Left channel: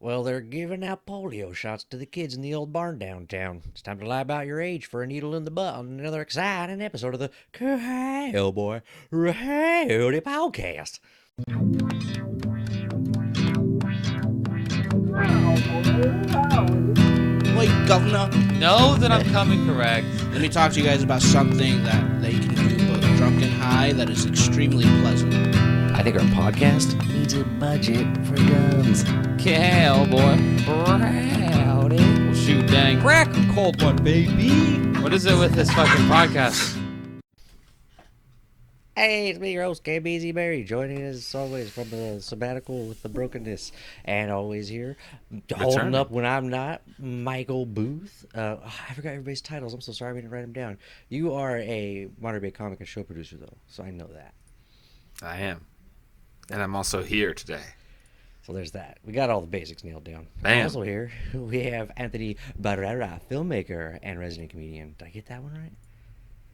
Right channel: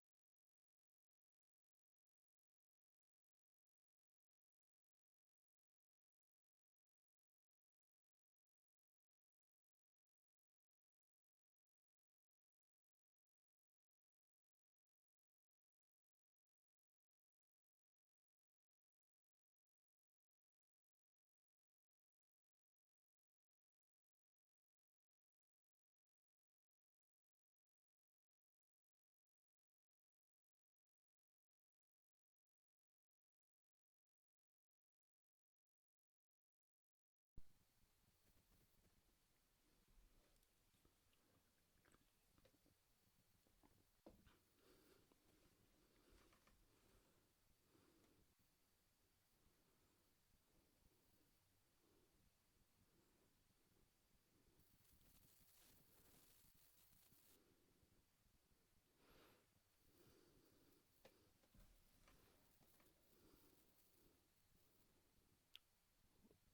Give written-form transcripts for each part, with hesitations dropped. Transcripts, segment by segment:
Well, they're giving out polio shots to the kids in the old barn downtown. It's time to lie about your age for a needle in the butt on another exciting episode of the Cowboy Rowdy Podcast. Wait, Governor, Know that I'm coming correct. let me talk to you guys about something that you can do both drunk and high that is extremely pleasant. I think our podcast needs a budget for guns. Cowboy Rowdy. Well, shoot, dang. Crack a cold one, baby. What is it with this fucking podcast? Hey, it's me, your host, KBZ Berry, joining us as always from the sabbatical with the brokenness. And always here, holding up when I'm not, Michael Booth. I forgot everybody's titles. I'm so sorry we didn't write them down. You are a modern day comic and show producer, though, so I know that. I am. And I'm also here today. So there's that. We got all the basics nailed down. Bam. Also here, we have Anthony Barrera, filmmaker and resident comedian. Did I get that one right?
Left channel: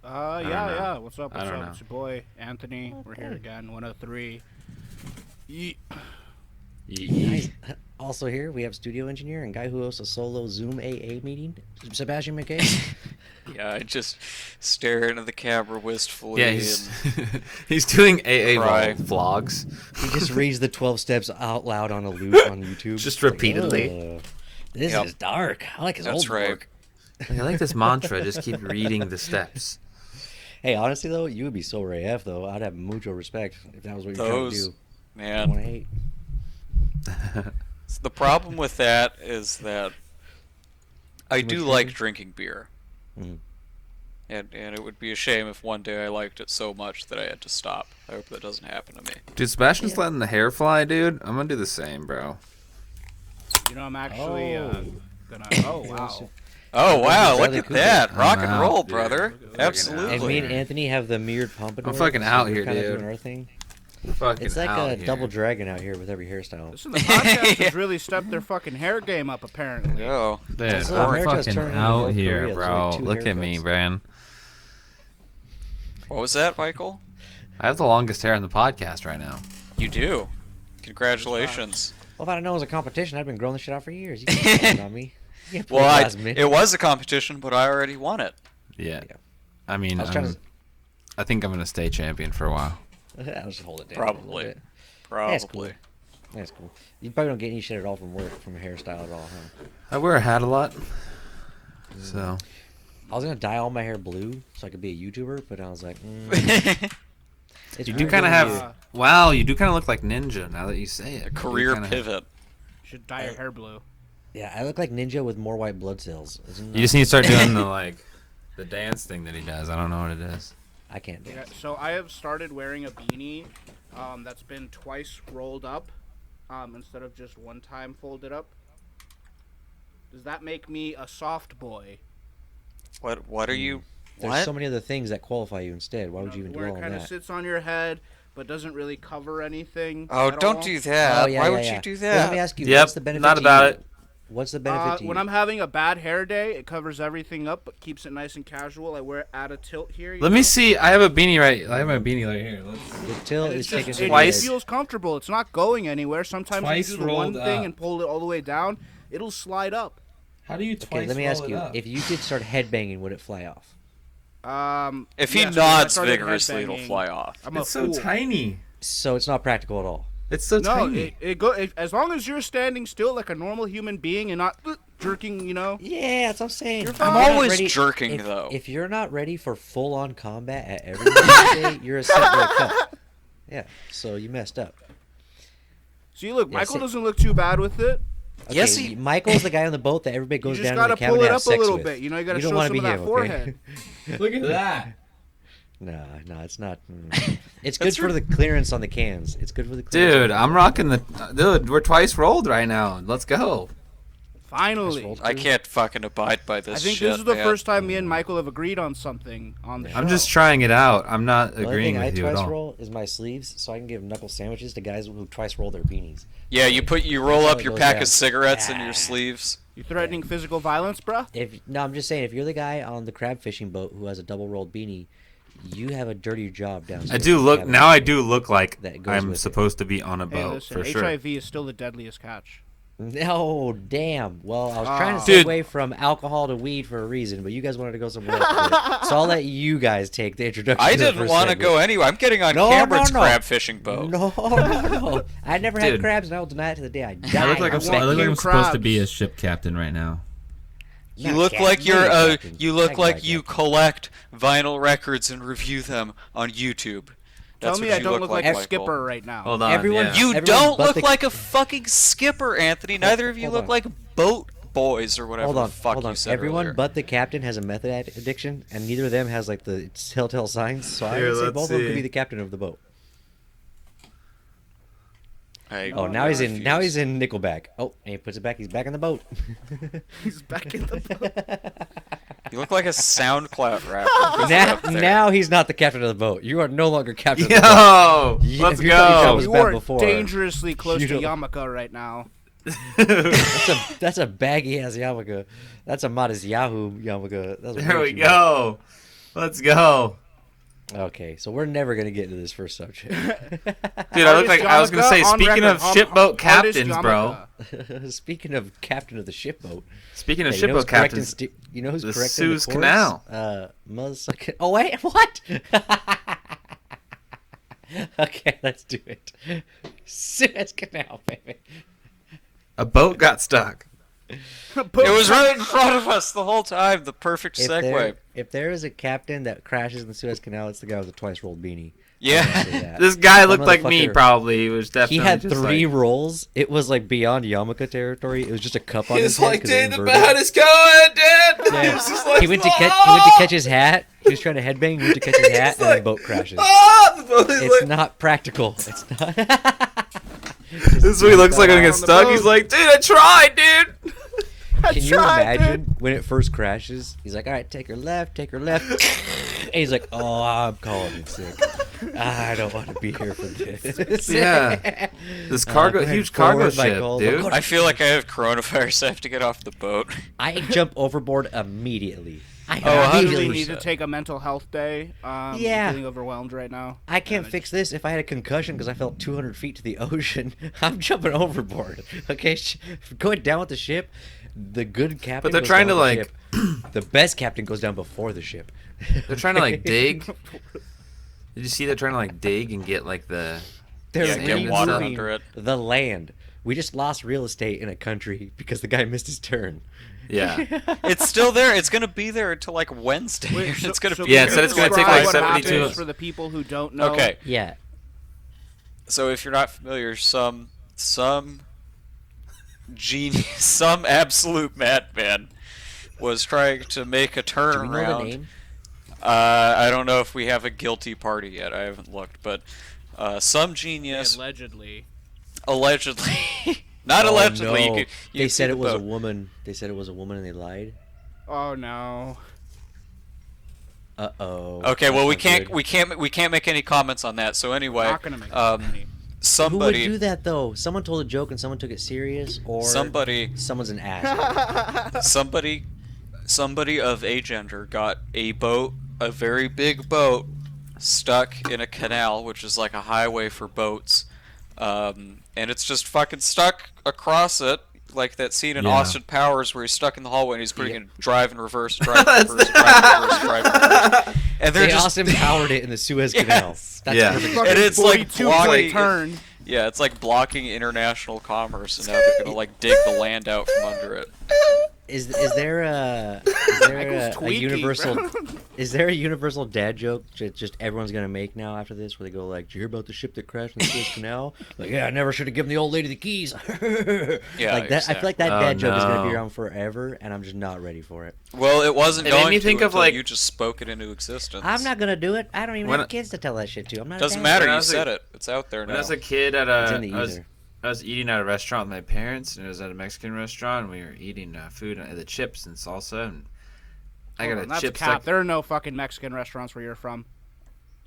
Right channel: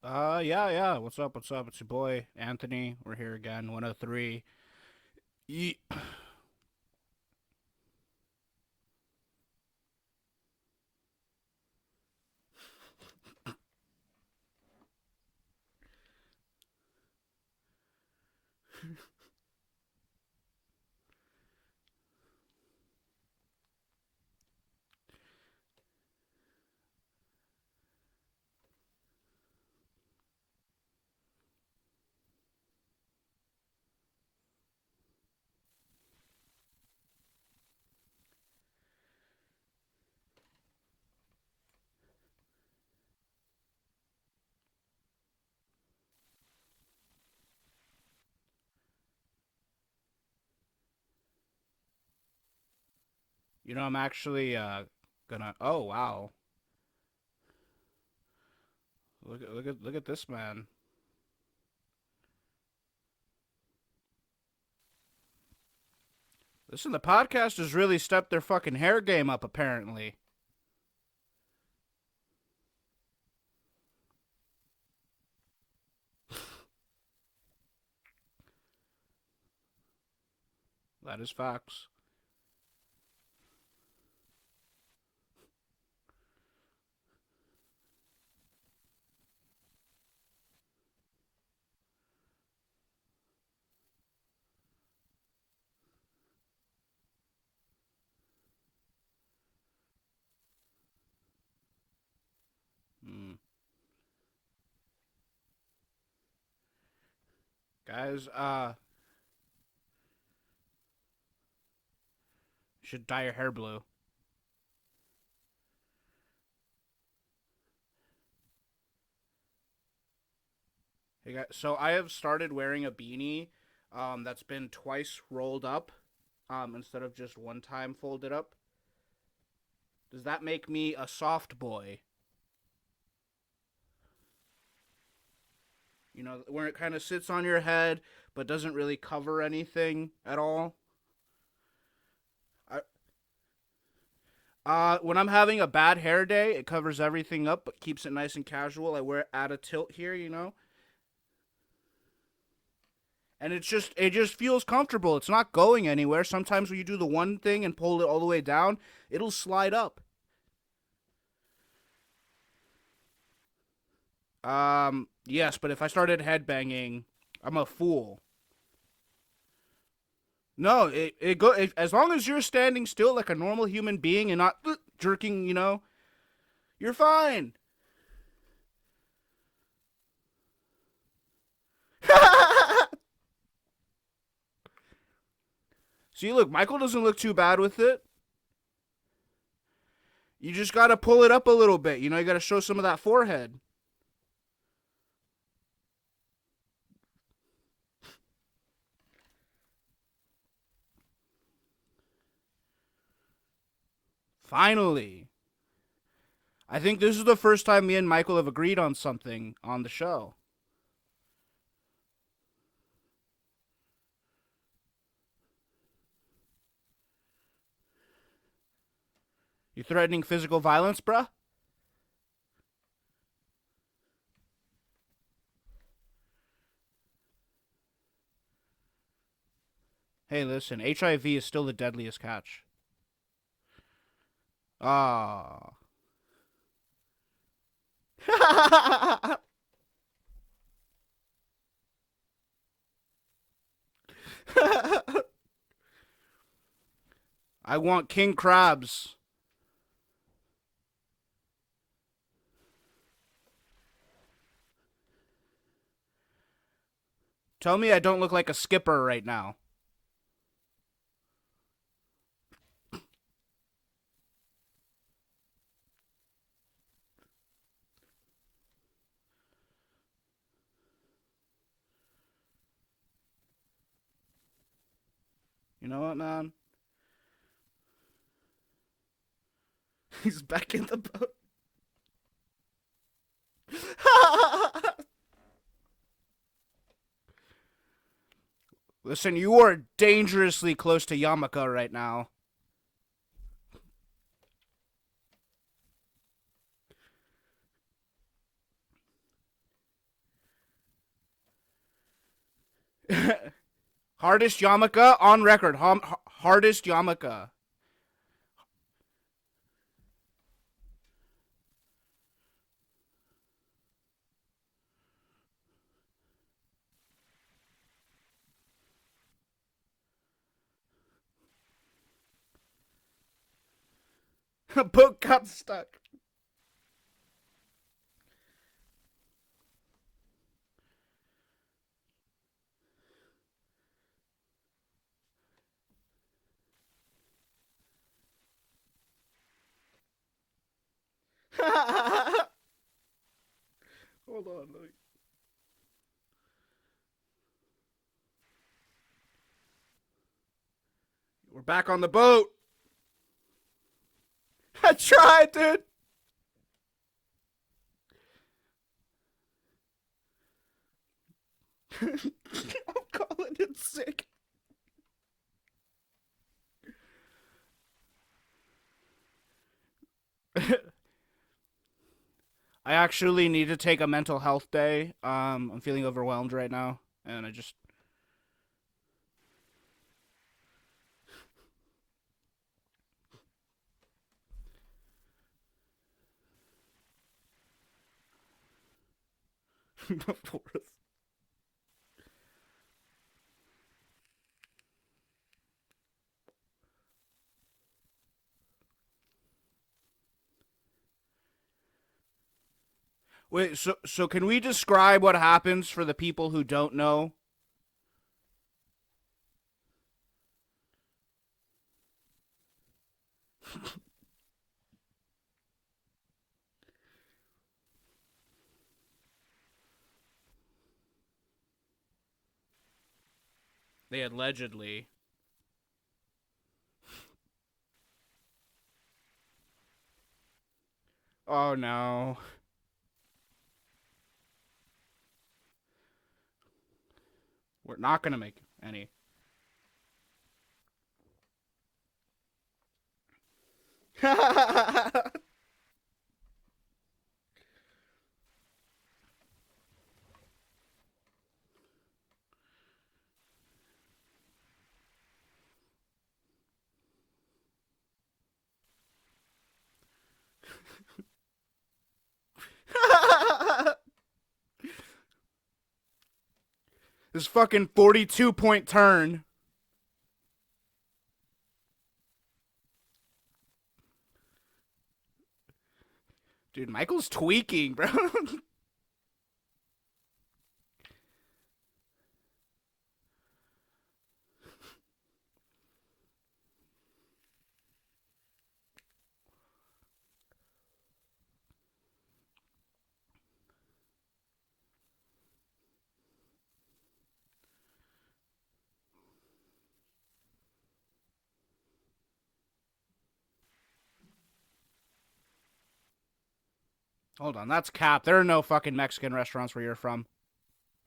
Yeah. What's up? I don't know. It's your boy, Anthony. We're here again, 103. Nice. Also here, we have studio engineer and guy who hosts a solo Zoom AA meeting, Sebastian McKay. Yeah, I just stare into the camera wistfully. Yeah, he's doing AA Cry. vlogs. He just reads the 12 steps out loud on a loop on YouTube. Just Like, repeatedly. This Yep. is dark. I like his That's old right. work. I like this mantra. Just keep reading the steps. Hey, honestly though, you would be so Ray F though. I'd have mucho respect if that was what you're trying to Those, do. I man. want to hate. The problem with that is that I Too do much like drinking? drinking beer. Mhm. And it would be a shame if one day I liked it so much that I had to stop. I hope that doesn't happen to me. Dude, Sebastian's letting the hair fly, dude. I'm gonna do the same, bro. You know, I'm actually gonna. Oh wow. Oh, wow, look Bradley at Cooper. that. Rock I'm and out, roll, dude. brother. Look at And Absolutely. me and Anthony have the mirrored pompadour. I'm fucking so out we're here, kinda dude. doing our thing. Fucking It's like out a here. double dragon out here with every hairstyle. Listen, the podcast has really stepped their fucking hair game up, apparently. Oh, Dude, So I'm America's fucking turning into out North here, Korea. It's bro. like two Look at me, haircuts. man. what was that, Michael? I have the longest hair in the podcast right now. You do. Congratulations. Well, if I'd known it was a competition, I'd been growing this shit out for years. You can't count on me. You can't Well, put me. it was a competition, but I already won it. Yeah. Yeah. I mean, I was trying to. I think I'm gonna stay champion for a while. I'll just hold it down. a little Probably. bit. Probably. cool. That's cool. You probably don't get any shit at all from work, from a hairstyle at all, huh? I wear a hat a lot, so I was gonna dye all my hair blue so I could be a YouTuber, but I was like, it's you do weird kind of looking have. weird. Wow, you do kind of look like Ninja now that you say it. A You career kinda- pivot. You should dye your hair blue. Yeah, I look like Ninja with more white blood cells. You just need to start doing the dance thing that he does. I don't know what it is. I can't do Yeah, it. so I have started wearing a beanie that's been twice rolled up instead of just one time folded up. Does that make me a soft boy? What are you? There's What? so many other things that qualify you instead. Why You would know, you even where do it all kind of that? sits on your head but doesn't really cover anything. Oh, at don't all. do that. Oh, yeah, Why yeah, would yeah. you do Well, that? let me ask you, Yep, what's the benefit not to about you? it. What's the benefit to When you? I'm having a bad hair day, it covers everything up but keeps it nice and casual. I wear it at a tilt here. Let me see. I have a beanie right. I have my beanie right here. The tilt And is it's just, taking it some just edge. feels comfortable. It's not going anywhere. Sometimes when you Twice do the one rolled thing up. and pull it all the way down, it'll slide up. How do you Okay, let me ask you: if you did start headbanging, would it fly off? If he yes, but if I nods started vigorously, it'll headbanging, fly off. I'm a It's fool. so tiny. So it's not practical at all. It's so No, tiny. as long as you're standing still like a normal human being and not jerking, you know. Yeah, that's what I'm saying. You're If fine. you're I'm not always ready- jerking, if, though. If you're not ready for full-on combat at every day, you're a cunt. Yeah, so you messed up. See, look, Yeah, Michael see- doesn't look too bad with it. Okay, Yes, he- Michael's the guy on the boat that everybody You goes just down gotta to the cabin pull to it have up a sex little with. bit. You know, you gotta don't show wanna some be of that him, okay? forehead. Look at that. No, it's not. It's good for the clearance on the cans. It's good for the clearance. Dude, I'm rocking the. Dude, we're twice rolled right now. Let's go. Finally. I can't fucking abide by this. I think shit, this is the man. first time me and Michael have agreed on something on the show. I'm just trying it out. I'm not The only agreeing thing I with you at twice all. roll is my sleeves, so I can give knuckle sandwiches to guys who twice roll their beanies. Yeah, you roll how up it your goes pack down. of cigarettes in Ah. your sleeves. You threatening physical violence, bruh? I'm just saying, if you're the guy on the crab fishing boat who has a double rolled beanie, you have a dirtier job downstairs. I do in the look cabin. now. I do look like That goes I'm with it. supposed to be on a boat. Hey, listen, for sure. HIV is still the deadliest catch. No, damn. Well, I was trying to Dude. segue from alcohol to weed for a reason, but you guys wanted to go somewhere else. So I'll let you guys take the introduction. I to the didn't first want to segment. go anywhere. I'm getting on No, Cameron's no, no. crab fishing boat. No. I never had Dude. crabs, and I will deny it to the day I die. I look like I I'm, want I look like king I'm supposed to crabs. be a ship captain right now. You Not look captain, like you're no, captain. you look That like guy you captain. collect vinyl records and review them on YouTube. Tell That's me what I you don't look like a Michael. skipper right now. Hold on. Everyone- yeah. You Everyone don't but look the- like a fucking skipper, Anthony. Neither of you Hold look on. like boat boys or whatever Hold on, the fuck hold you on. said Everyone earlier. but the captain has a method addiction, and neither of them has like the telltale signs. So I Here, would say let's both of them could see. be the captain of the boat. Hey, No, Oh, now he's in. Now refuse. he's in Nickelback. Oh, and he puts it back. He's back in the boat. He's back in the boat. You look like a SoundCloud rapper. now he's not the captain of the boat. You are no longer captain of the boat. Yo, Yeah, let's if you thought you go. was You bad are before. dangerously close You to don't- Yamaka right now. That's a baggy ass yarmulke. That's a modest Yahoo yarmulke. That's There way we too go. Let's go. much. Okay, so we're never gonna get into this first subject. Dude, I look like I was gonna say. on Speaking record, of shipboat hardest captains, bro. Yamaka. Speaking of captain of the shipboat, Speaking of hey, you know who's shipboat correcting captains, you know who's the correcting Suez the course? Canal. Oh wait, what? Okay, let's do it. Suez Canal, baby. a boat got stuck. It was right in front of us the whole time. The perfect If segue. there is a captain that crashes in the Suez Canal, it's the guy with the twice rolled beanie. Yeah. I'm gonna say that. This guy That looked like me, motherfucker- probably. He was definitely. He had just three like, rolls. It was like beyond Yamaka territory. It was just a cup on his He's head. like, 'cause it dude, the inverted. boat is going, dude. Yeah. He was just like, He went to catch his hat. He was trying to headbang. He went to catch his hat, and the boat crashes. Ah! The boat is It's like, not practical. It's not. this is what he looks like when he gets on the stuck. boat. He's like, dude, I tried, dude. I Can you tried, imagine dude. when it first crashes? He's like, "All right, take her left, take her left." And he's like, "Oh, I'm calling in sick. I don't want to be here for this." Yeah. This Go cargo, ahead, huge cargo forward, ship, Michael. dude. I feel like I have coronavirus. I have to get off the boat. I jump overboard immediately. I I actually 100%. need to take a mental health day. I'm Yeah. feeling overwhelmed right now. I can't And fix this if I had a concussion because I fell 200 feet to the ocean. I'm jumping overboard. Okay, going down with the ship. The good captain. But they're goes trying down to, with the like- ship. The best captain goes down before the ship. They're trying to like dig. Did you see they're trying to like dig and get like the? They're Yeah, get water removing under it. the land. We just lost real estate in a country because the guy missed his turn. Yeah. It's still there. It's gonna be there until like Wednesday. Wait, so, it's gonna so be. Yeah, can it said you it's gonna take, describe like, what 72 happens hours. for the people who don't know? Okay. Yeah. So if you're not familiar, some genius, some absolute madman was trying to make a Do we know the turnaround. name? I don't know if we have a guilty party yet. I haven't looked, but some They genius allegedly. allegedly, not Oh, allegedly. no. You They can see said the it was a boat. woman. They said it was a woman and they lied. Oh no. Uh-oh. Okay, well That's we not can't good. we can't make any comments on that. So anyway, We're not gonna make any. Who would somebody do that though? Someone told a joke and someone took it serious, or somebody someone's an ass. somebody of a gender got a boat, a very big boat, stuck in a canal, which is like a highway for boats, and it's just fucking stuck across it, like that scene in Yeah. Austin Powers where he's stuck in the hallway and he's putting in drive in reverse, drive in reverse, drive in reverse, drive in reverse. And they're They just Austin powered it in the Suez Canal. Yes. That's Yeah. perfect. Fucking it's like 42-point blocking- turn. yeah, it's like blocking international commerce, and now they're gonna like dig the land out from under it. Is there a Michael's a tweaky, universal bro. is there a universal dad joke just everyone's gonna make now after this where they go like, "Did you hear about the ship that crashed in the Suez Canal?" Like, yeah, I never should have given the old lady the keys. Yeah, like that. I feel like that Oh, dad joke is gonna be no. around forever, and I'm just not ready for it. Well, it wasn't It made going me to think of, until like- you just spoke it into existence. I'm not gonna do it. I don't even When have I- kids to tell that shit to. I'm not. Doesn't a dad. matter. When I You was said a- it. It's out there When now. I was a kid at It's a, in the ether. I was eating at a restaurant with my parents, and it was at a Mexican restaurant. And we were eating food, the chips and salsa, and I Hold got on, a that's chip cap. stuck- There are no fucking Mexican restaurants where you're from.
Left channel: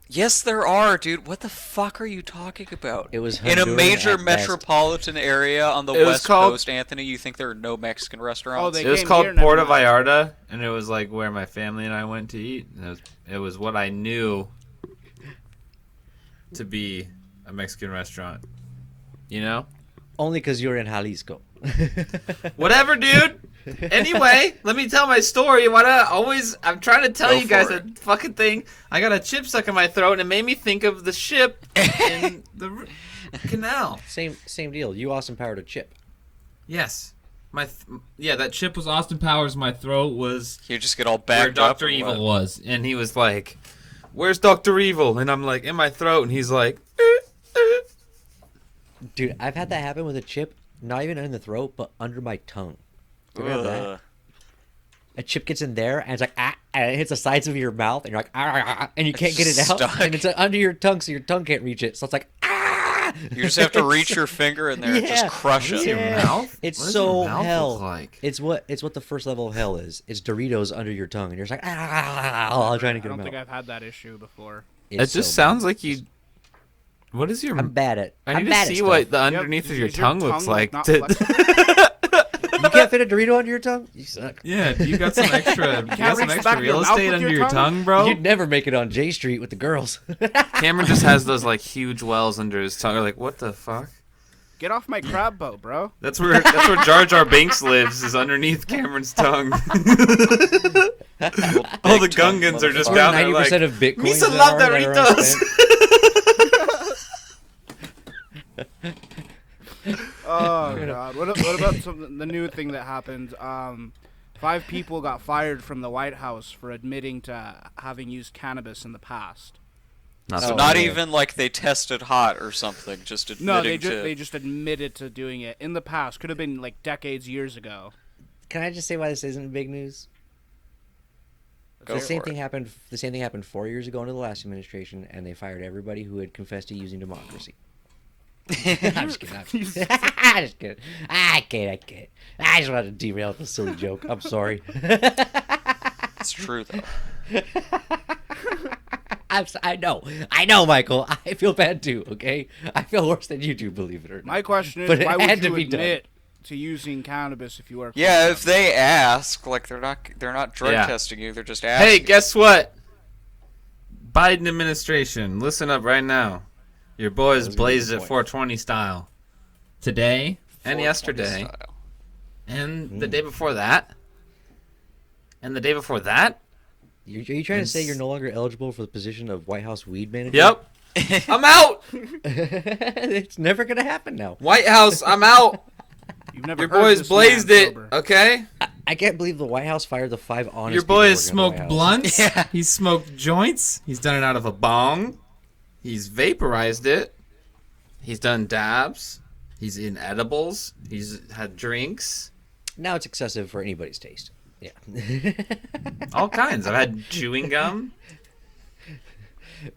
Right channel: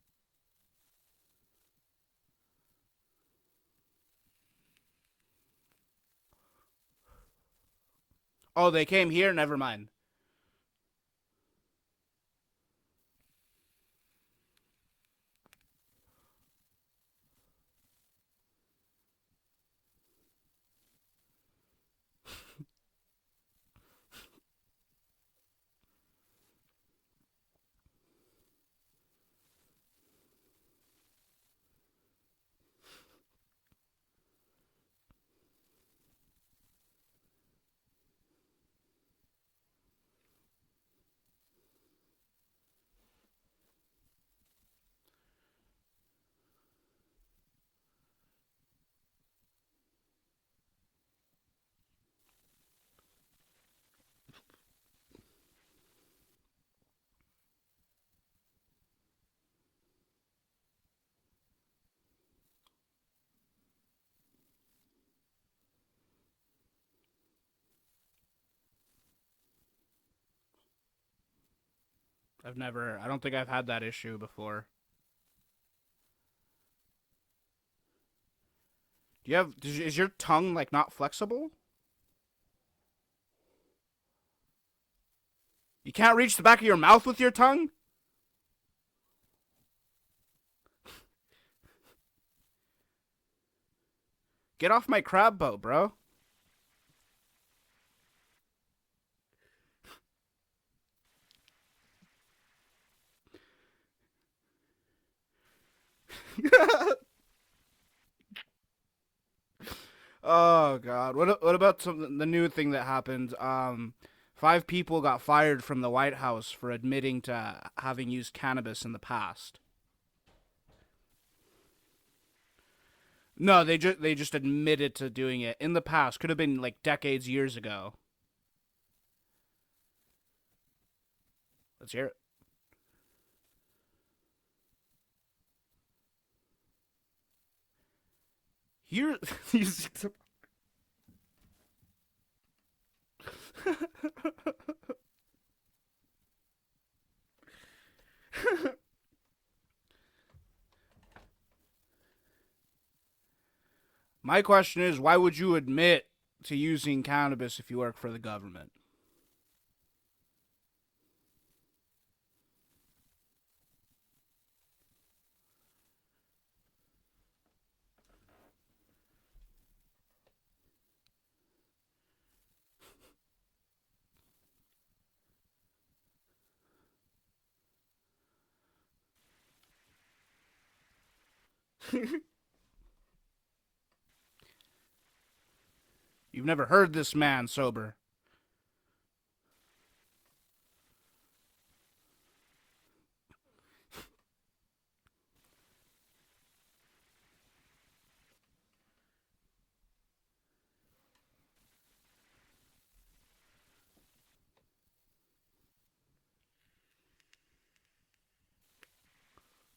Yes, there are, dude. What the fuck are you talking about? It was in a Honduran major at best. metropolitan area on the It was west called- coast, Anthony. You think there are no Mexican restaurants? Oh, they It was came called here. Never Puerto mind. Vallarta, and it was like where my family and I went to eat. And it was what I knew to be a Mexican restaurant. You know? Only because you're in Jalisco. Whatever, dude. Anyway, let me tell my story. I'm trying to tell Go you guys for a fucking thing. I got a chip stuck in my throat, and it made me think of the ship in the canal. Same deal. You Austin powered a chip. Yes. That chip was Austin Powers. My throat was You just get all where backed up. Dr. Evil was. And he was like, where's Dr. Evil? And I'm like, in my throat. And he's like, Dude, I've had that happen with a chip, not even in the throat, but under my tongue. You ever have that? A chip gets in there, and it's like, and it hits the sides of your mouth, and you're like, and you can't get it out. Stuck. And it's under your tongue, so your tongue can't reach it. So it's like, You just have to reach your finger in there and just crush it. your mouth? It's What does so your mouth hell. look like? It's what the first level of hell is. It's Doritos under your tongue, and you're just like, trying to I get don't them think out. I've had that issue before. It It's just so sounds bad. like you. What is your? I'm bad at. I I'm need bad to at see stuff. what the Yep, underneath of your is tongue looks like. not to- flexible? You can't fit a Dorito under your tongue. You suck. Yeah, you got some extra. You can't reach the back of your mouth with your tongue? bro. You'd never make it on J Street with the girls. Cameron just has those like huge wells under his tongue. You're like, what the fuck? Get off my crab boat, bro. That's where Jar Jar Binks lives, is underneath Cameron's tongue. All the Gungans are just Or down there 90% like, of Bitcoin. Misa love Doritos. Oh god. What about the new thing that happened? 5 people got fired from the White House for admitting to having used cannabis in the past. So Oh, not yeah. even like they tested hot or something. Just admitting No, to... they just admitted to doing it in the past. Could have been like decades, years ago. Can I just say why this isn't big news? Go The for same it. thing happened. The same thing happened 4 years ago under the last administration, and they fired everybody who had confessed to using democracy. I'm just kidding. I'm just kidding. I can't. I just wanted to derail this silly joke. I'm sorry. It's true though. I know, Michael. I feel bad too. Okay, I feel worse than you do. Believe it or not. My question is, But it why would had to you be done. admit to using cannabis if you work? for Yeah, the if government? they ask, like they're not drug Yeah. testing you. They're just asking. Hey, guess what? Biden administration, listen up right now. Your boys was gonna be blazed the it point. 420 style. Today and 420 yesterday. style. And the day before that. And the day before that. Are you trying to say you're no longer eligible for the position of White House weed manager? Yep. I'm out. It's never gonna happen now. White House, I'm out. You've never Your heard boys this blazed man it, sober. okay? I can't believe the White House fired the 5 honest. Your people boy working has at the smoked White House. blunts. Yeah. He's smoked joints. He's done it out of a bong. He's vaporized it. He's done dabs. He's in edibles. He's had drinks. Now it's excessive for anybody's taste. Yeah. All kinds. I've had chewing gum.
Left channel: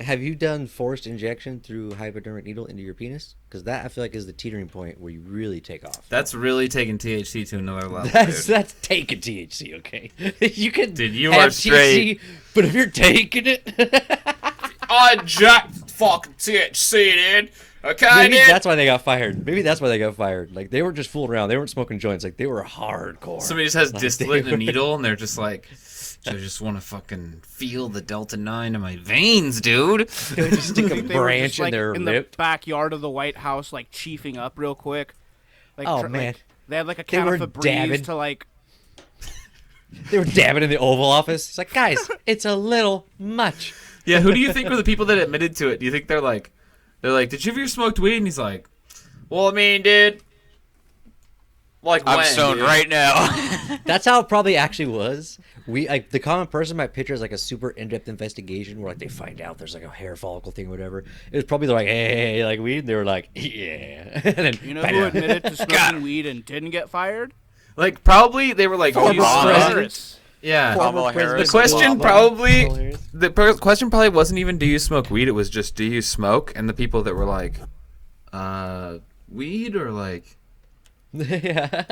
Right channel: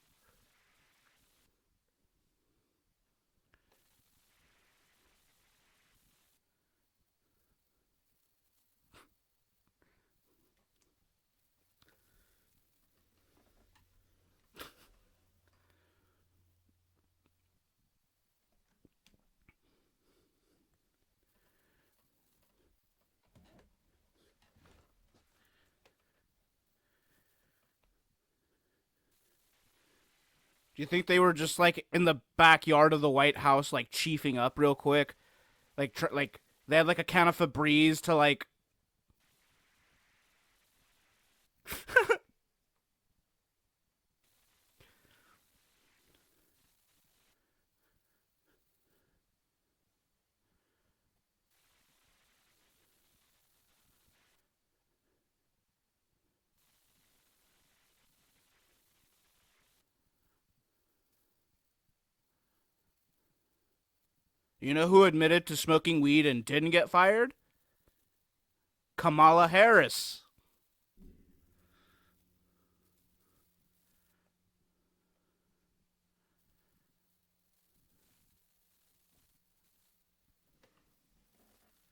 Have you done forced injection through hypodermic needle into your penis? Because that I feel like is the teetering point where you really take off. That's really taking THC to another level, That's dude. that's taking THC, okay? You can Dude, you have are straight. THC, but if you're taking it, I jacked fucking THC, dude. Okay, maybe dude. that's why they got fired. Maybe that's why they got fired. Like they weren't just fooling around. They weren't smoking joints. Like they were hardcore. Somebody just has Like, distillate they in a were- needle, and they're just like, I just want to fucking feel the Delta 9 in my veins, dude. They would just stick I a think they were branch just like in their in the lip. backyard of the White House, like chiefing up real quick. Like, Oh, man. like they had like a can of were Febreze dabbing. to like. They were dabbing in the Oval Office. It's like, guys, it's a little much. Yeah, who do you think were the people that admitted to it? Do you think they're like, did you ever smoked weed? And he's like, well, I mean, dude, like I'm when, stoned dude? right now. That's how it probably actually was. We like the common person might picture as like a super in-depth investigation where like they find out there's like a hair follicle thing or whatever. It was probably like, hey, like weed. And they were like, yeah. And then, You know who admitted to smoking weed and didn't get fired? Like, probably they were like, do you Kamala smoke? Harris. Yeah. Kamala Harris. The question Obama. probably, Kamala Harris. question probably wasn't even, do you smoke weed? It was just, do you smoke? And the people that were like, weed or like, yeah.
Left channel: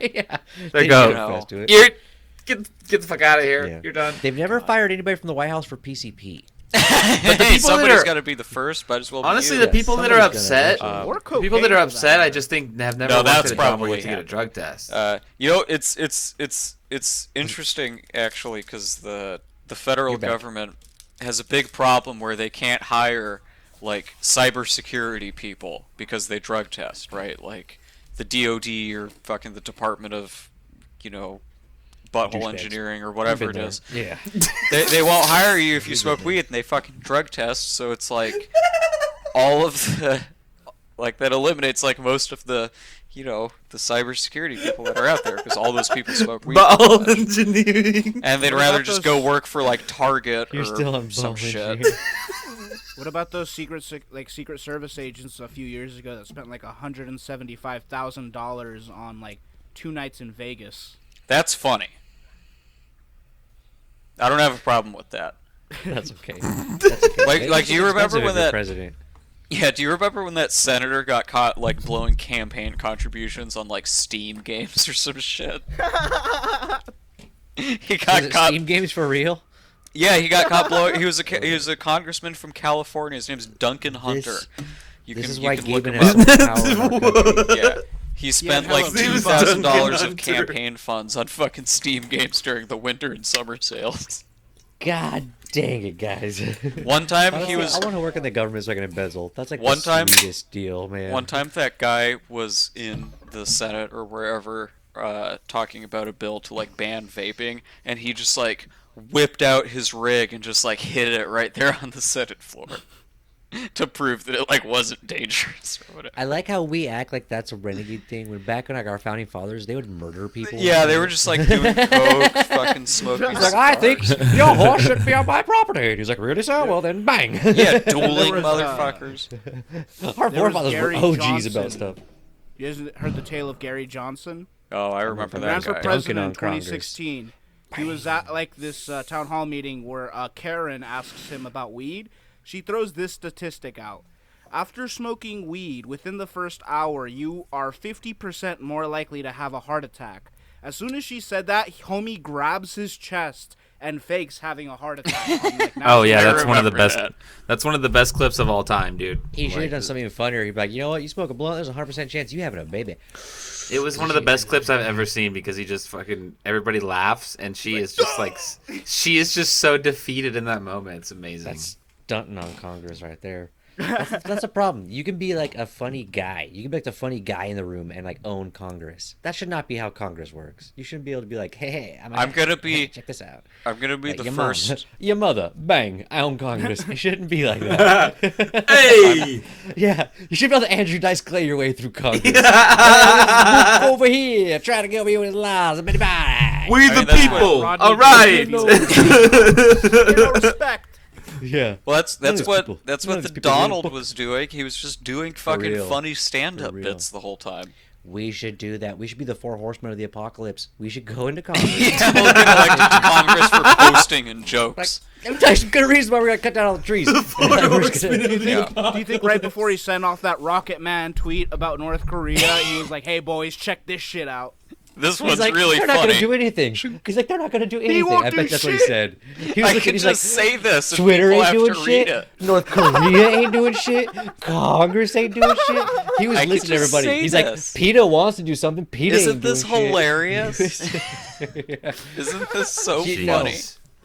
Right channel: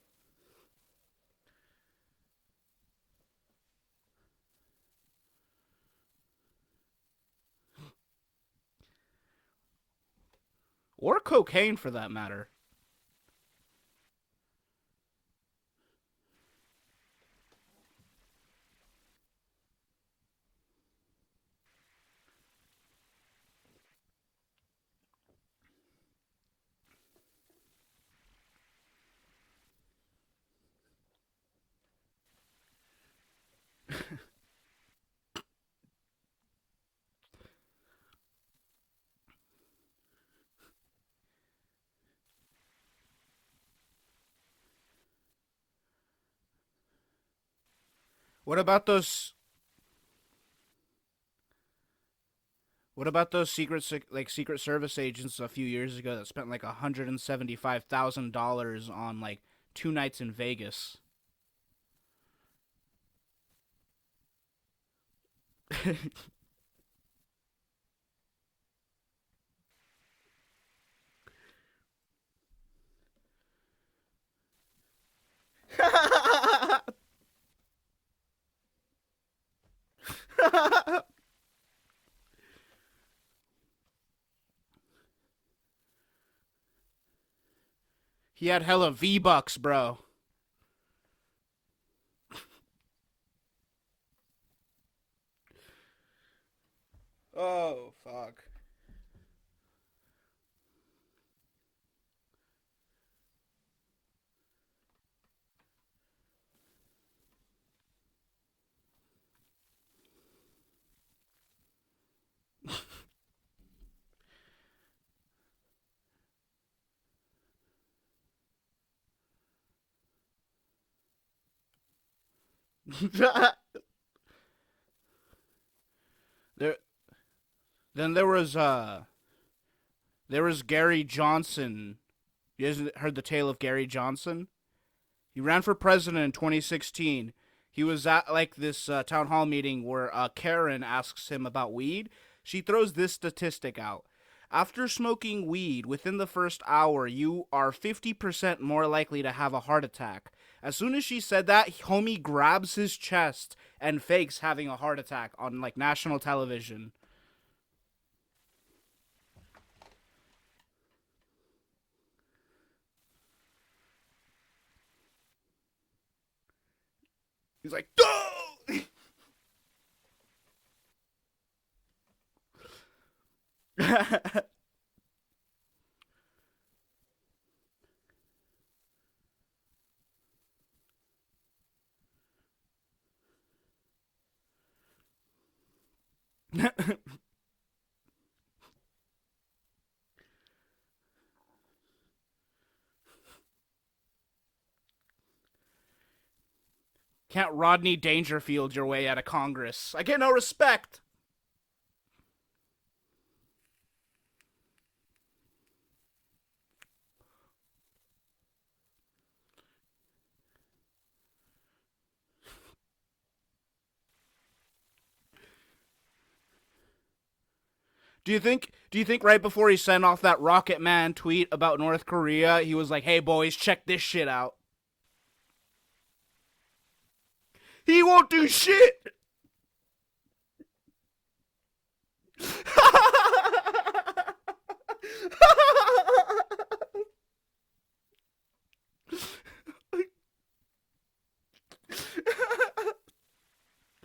Yeah. They go, confess to it. you're, get the fuck out of here. Yeah. You're done. They've never fired anybody from the White House for PCP. the Hey, people that somebody's are- got to be the first. Might as well. Honestly, be the you. people that are somebody's gonna upset, eventually. Or cocaine. people that are for upset, I matter. just think have never No, worked that's at a job where probably you have to get a him. drug test. You know, it's interesting actually because the federal You're back. government has a big problem where they can't hire like cybersecurity people because they drug test, right? Like the DOD or fucking the Department of, you know, butthole Douchebags. engineering or We've whatever been it is. there. Yeah. They won't hire you if you smoke weed, and they fucking drug test. So it's like all of the like that eliminates like most of the, you know, the cybersecurity people that are out there because all those people smoke weed. Ball engineering. And they'd What rather about just go those- work for like Target You're or still on some ball shit. engineering. What about those Secret Service agents a few years ago that spent like $175,000 on like 2 nights in Vegas? That's funny. I don't have a problem with that. That's okay. That's okay. Like, do you remember Expensive when if you're that? president? Yeah, do you remember when that senator got caught like blowing campaign contributions on like Steam games or some shit? He got Was it caught. Steam games for real? Yeah, he got caught blowing. He was a congressman from California. His name's Duncan Hunter. This is you why can look Gaben him has up. so much power in our country. Yeah. He spent hella like views. $2,000 Hunter. of campaign funds on fucking Steam games during the winter and summer sales. God dang it, guys. One time I he was. want to work in the government so I can embezzle. That's like One the time- sweetest deal, man. One time that guy was in the Senate or wherever talking about a bill to like ban vaping, and he just like whipped out his rig and just like hit it right there on the Senate floor to prove that it like wasn't dangerous or whatever. I like how we act like that's a renegade thing. When back when like our founding fathers, they would murder people. Yeah, they were just like doing coke, fucking smoking. He's like, I think your horse should be on my property. And he's like, really so? Well then, bang. Yeah, dueling There was, motherfuckers. Our There was forefathers Gary were OGs Johnson. about stuff. You guys heard the tale of Gary Johnson? Oh, I remember He that ran for guy. president in Duncan on Congress. 2016. He was at like this town hall meeting where Karen asks him about weed. She throws this statistic out. After smoking weed within the first hour, you are 50% more likely to have a heart attack. As soon as she said that, homie grabs his chest and fakes having a heart attack on like national Oh yeah, that's I one of the remember best. that. That's one of the best clips of all time, dude. He should have Like, done something funnier. He'd be like, you know what? You smoke a blunt, there's a 100% chance you having a baby. It was one of the best clips I've ever seen because he just fucking everybody laughs and she is just like she is just so defeated in that moment. It's amazing. That's stunting on Congress right there. That's a problem. You can be like a funny guy. You can be like the funny guy in the room and like own Congress. That should not be how Congress works. You shouldn't be able to be like, hey, I'm gonna be- check this out. I'm gonna be Like, the your first. mom, your mother, bang, I own Congress. You shouldn't be like that. Hey! Yeah, you should be able to Andrew Dice Clay your way through Congress. Hey, look over here, trying to get me with his lies. We I the mean, that's people. Rodney All right. Dangerfield. Get no respect. Yeah. Well, that's None of these what people- that's none what of the these people read a Donald book. was doing. He was just doing fucking real. funny stand-up For real. bits the whole time. We should do that. We should be the 4 horsemen of the apocalypse. We should go into Congress. People get elected to Congress for posting and jokes. That's a good reason why we're gonna cut down all the trees. Do you think right before he sent off that Rocket Man tweet about North Korea, he was like, "Hey boys, check this shit out." This He's one's like, really they're not funny. gonna do anything. He's like, they're not gonna do anything. won't I do bet that's what he shit. said. He was I looking, can he's just like, say this. And Twitter people ain't have doing to shit. read it. North Korea ain't doing shit. Congress ain't doing shit. He was I can listening to just everybody. say He's this. like, PETA wants to do something. PETA Isn't ain't this doing shit." hilarious? Yeah. Isn't this so You know, funny?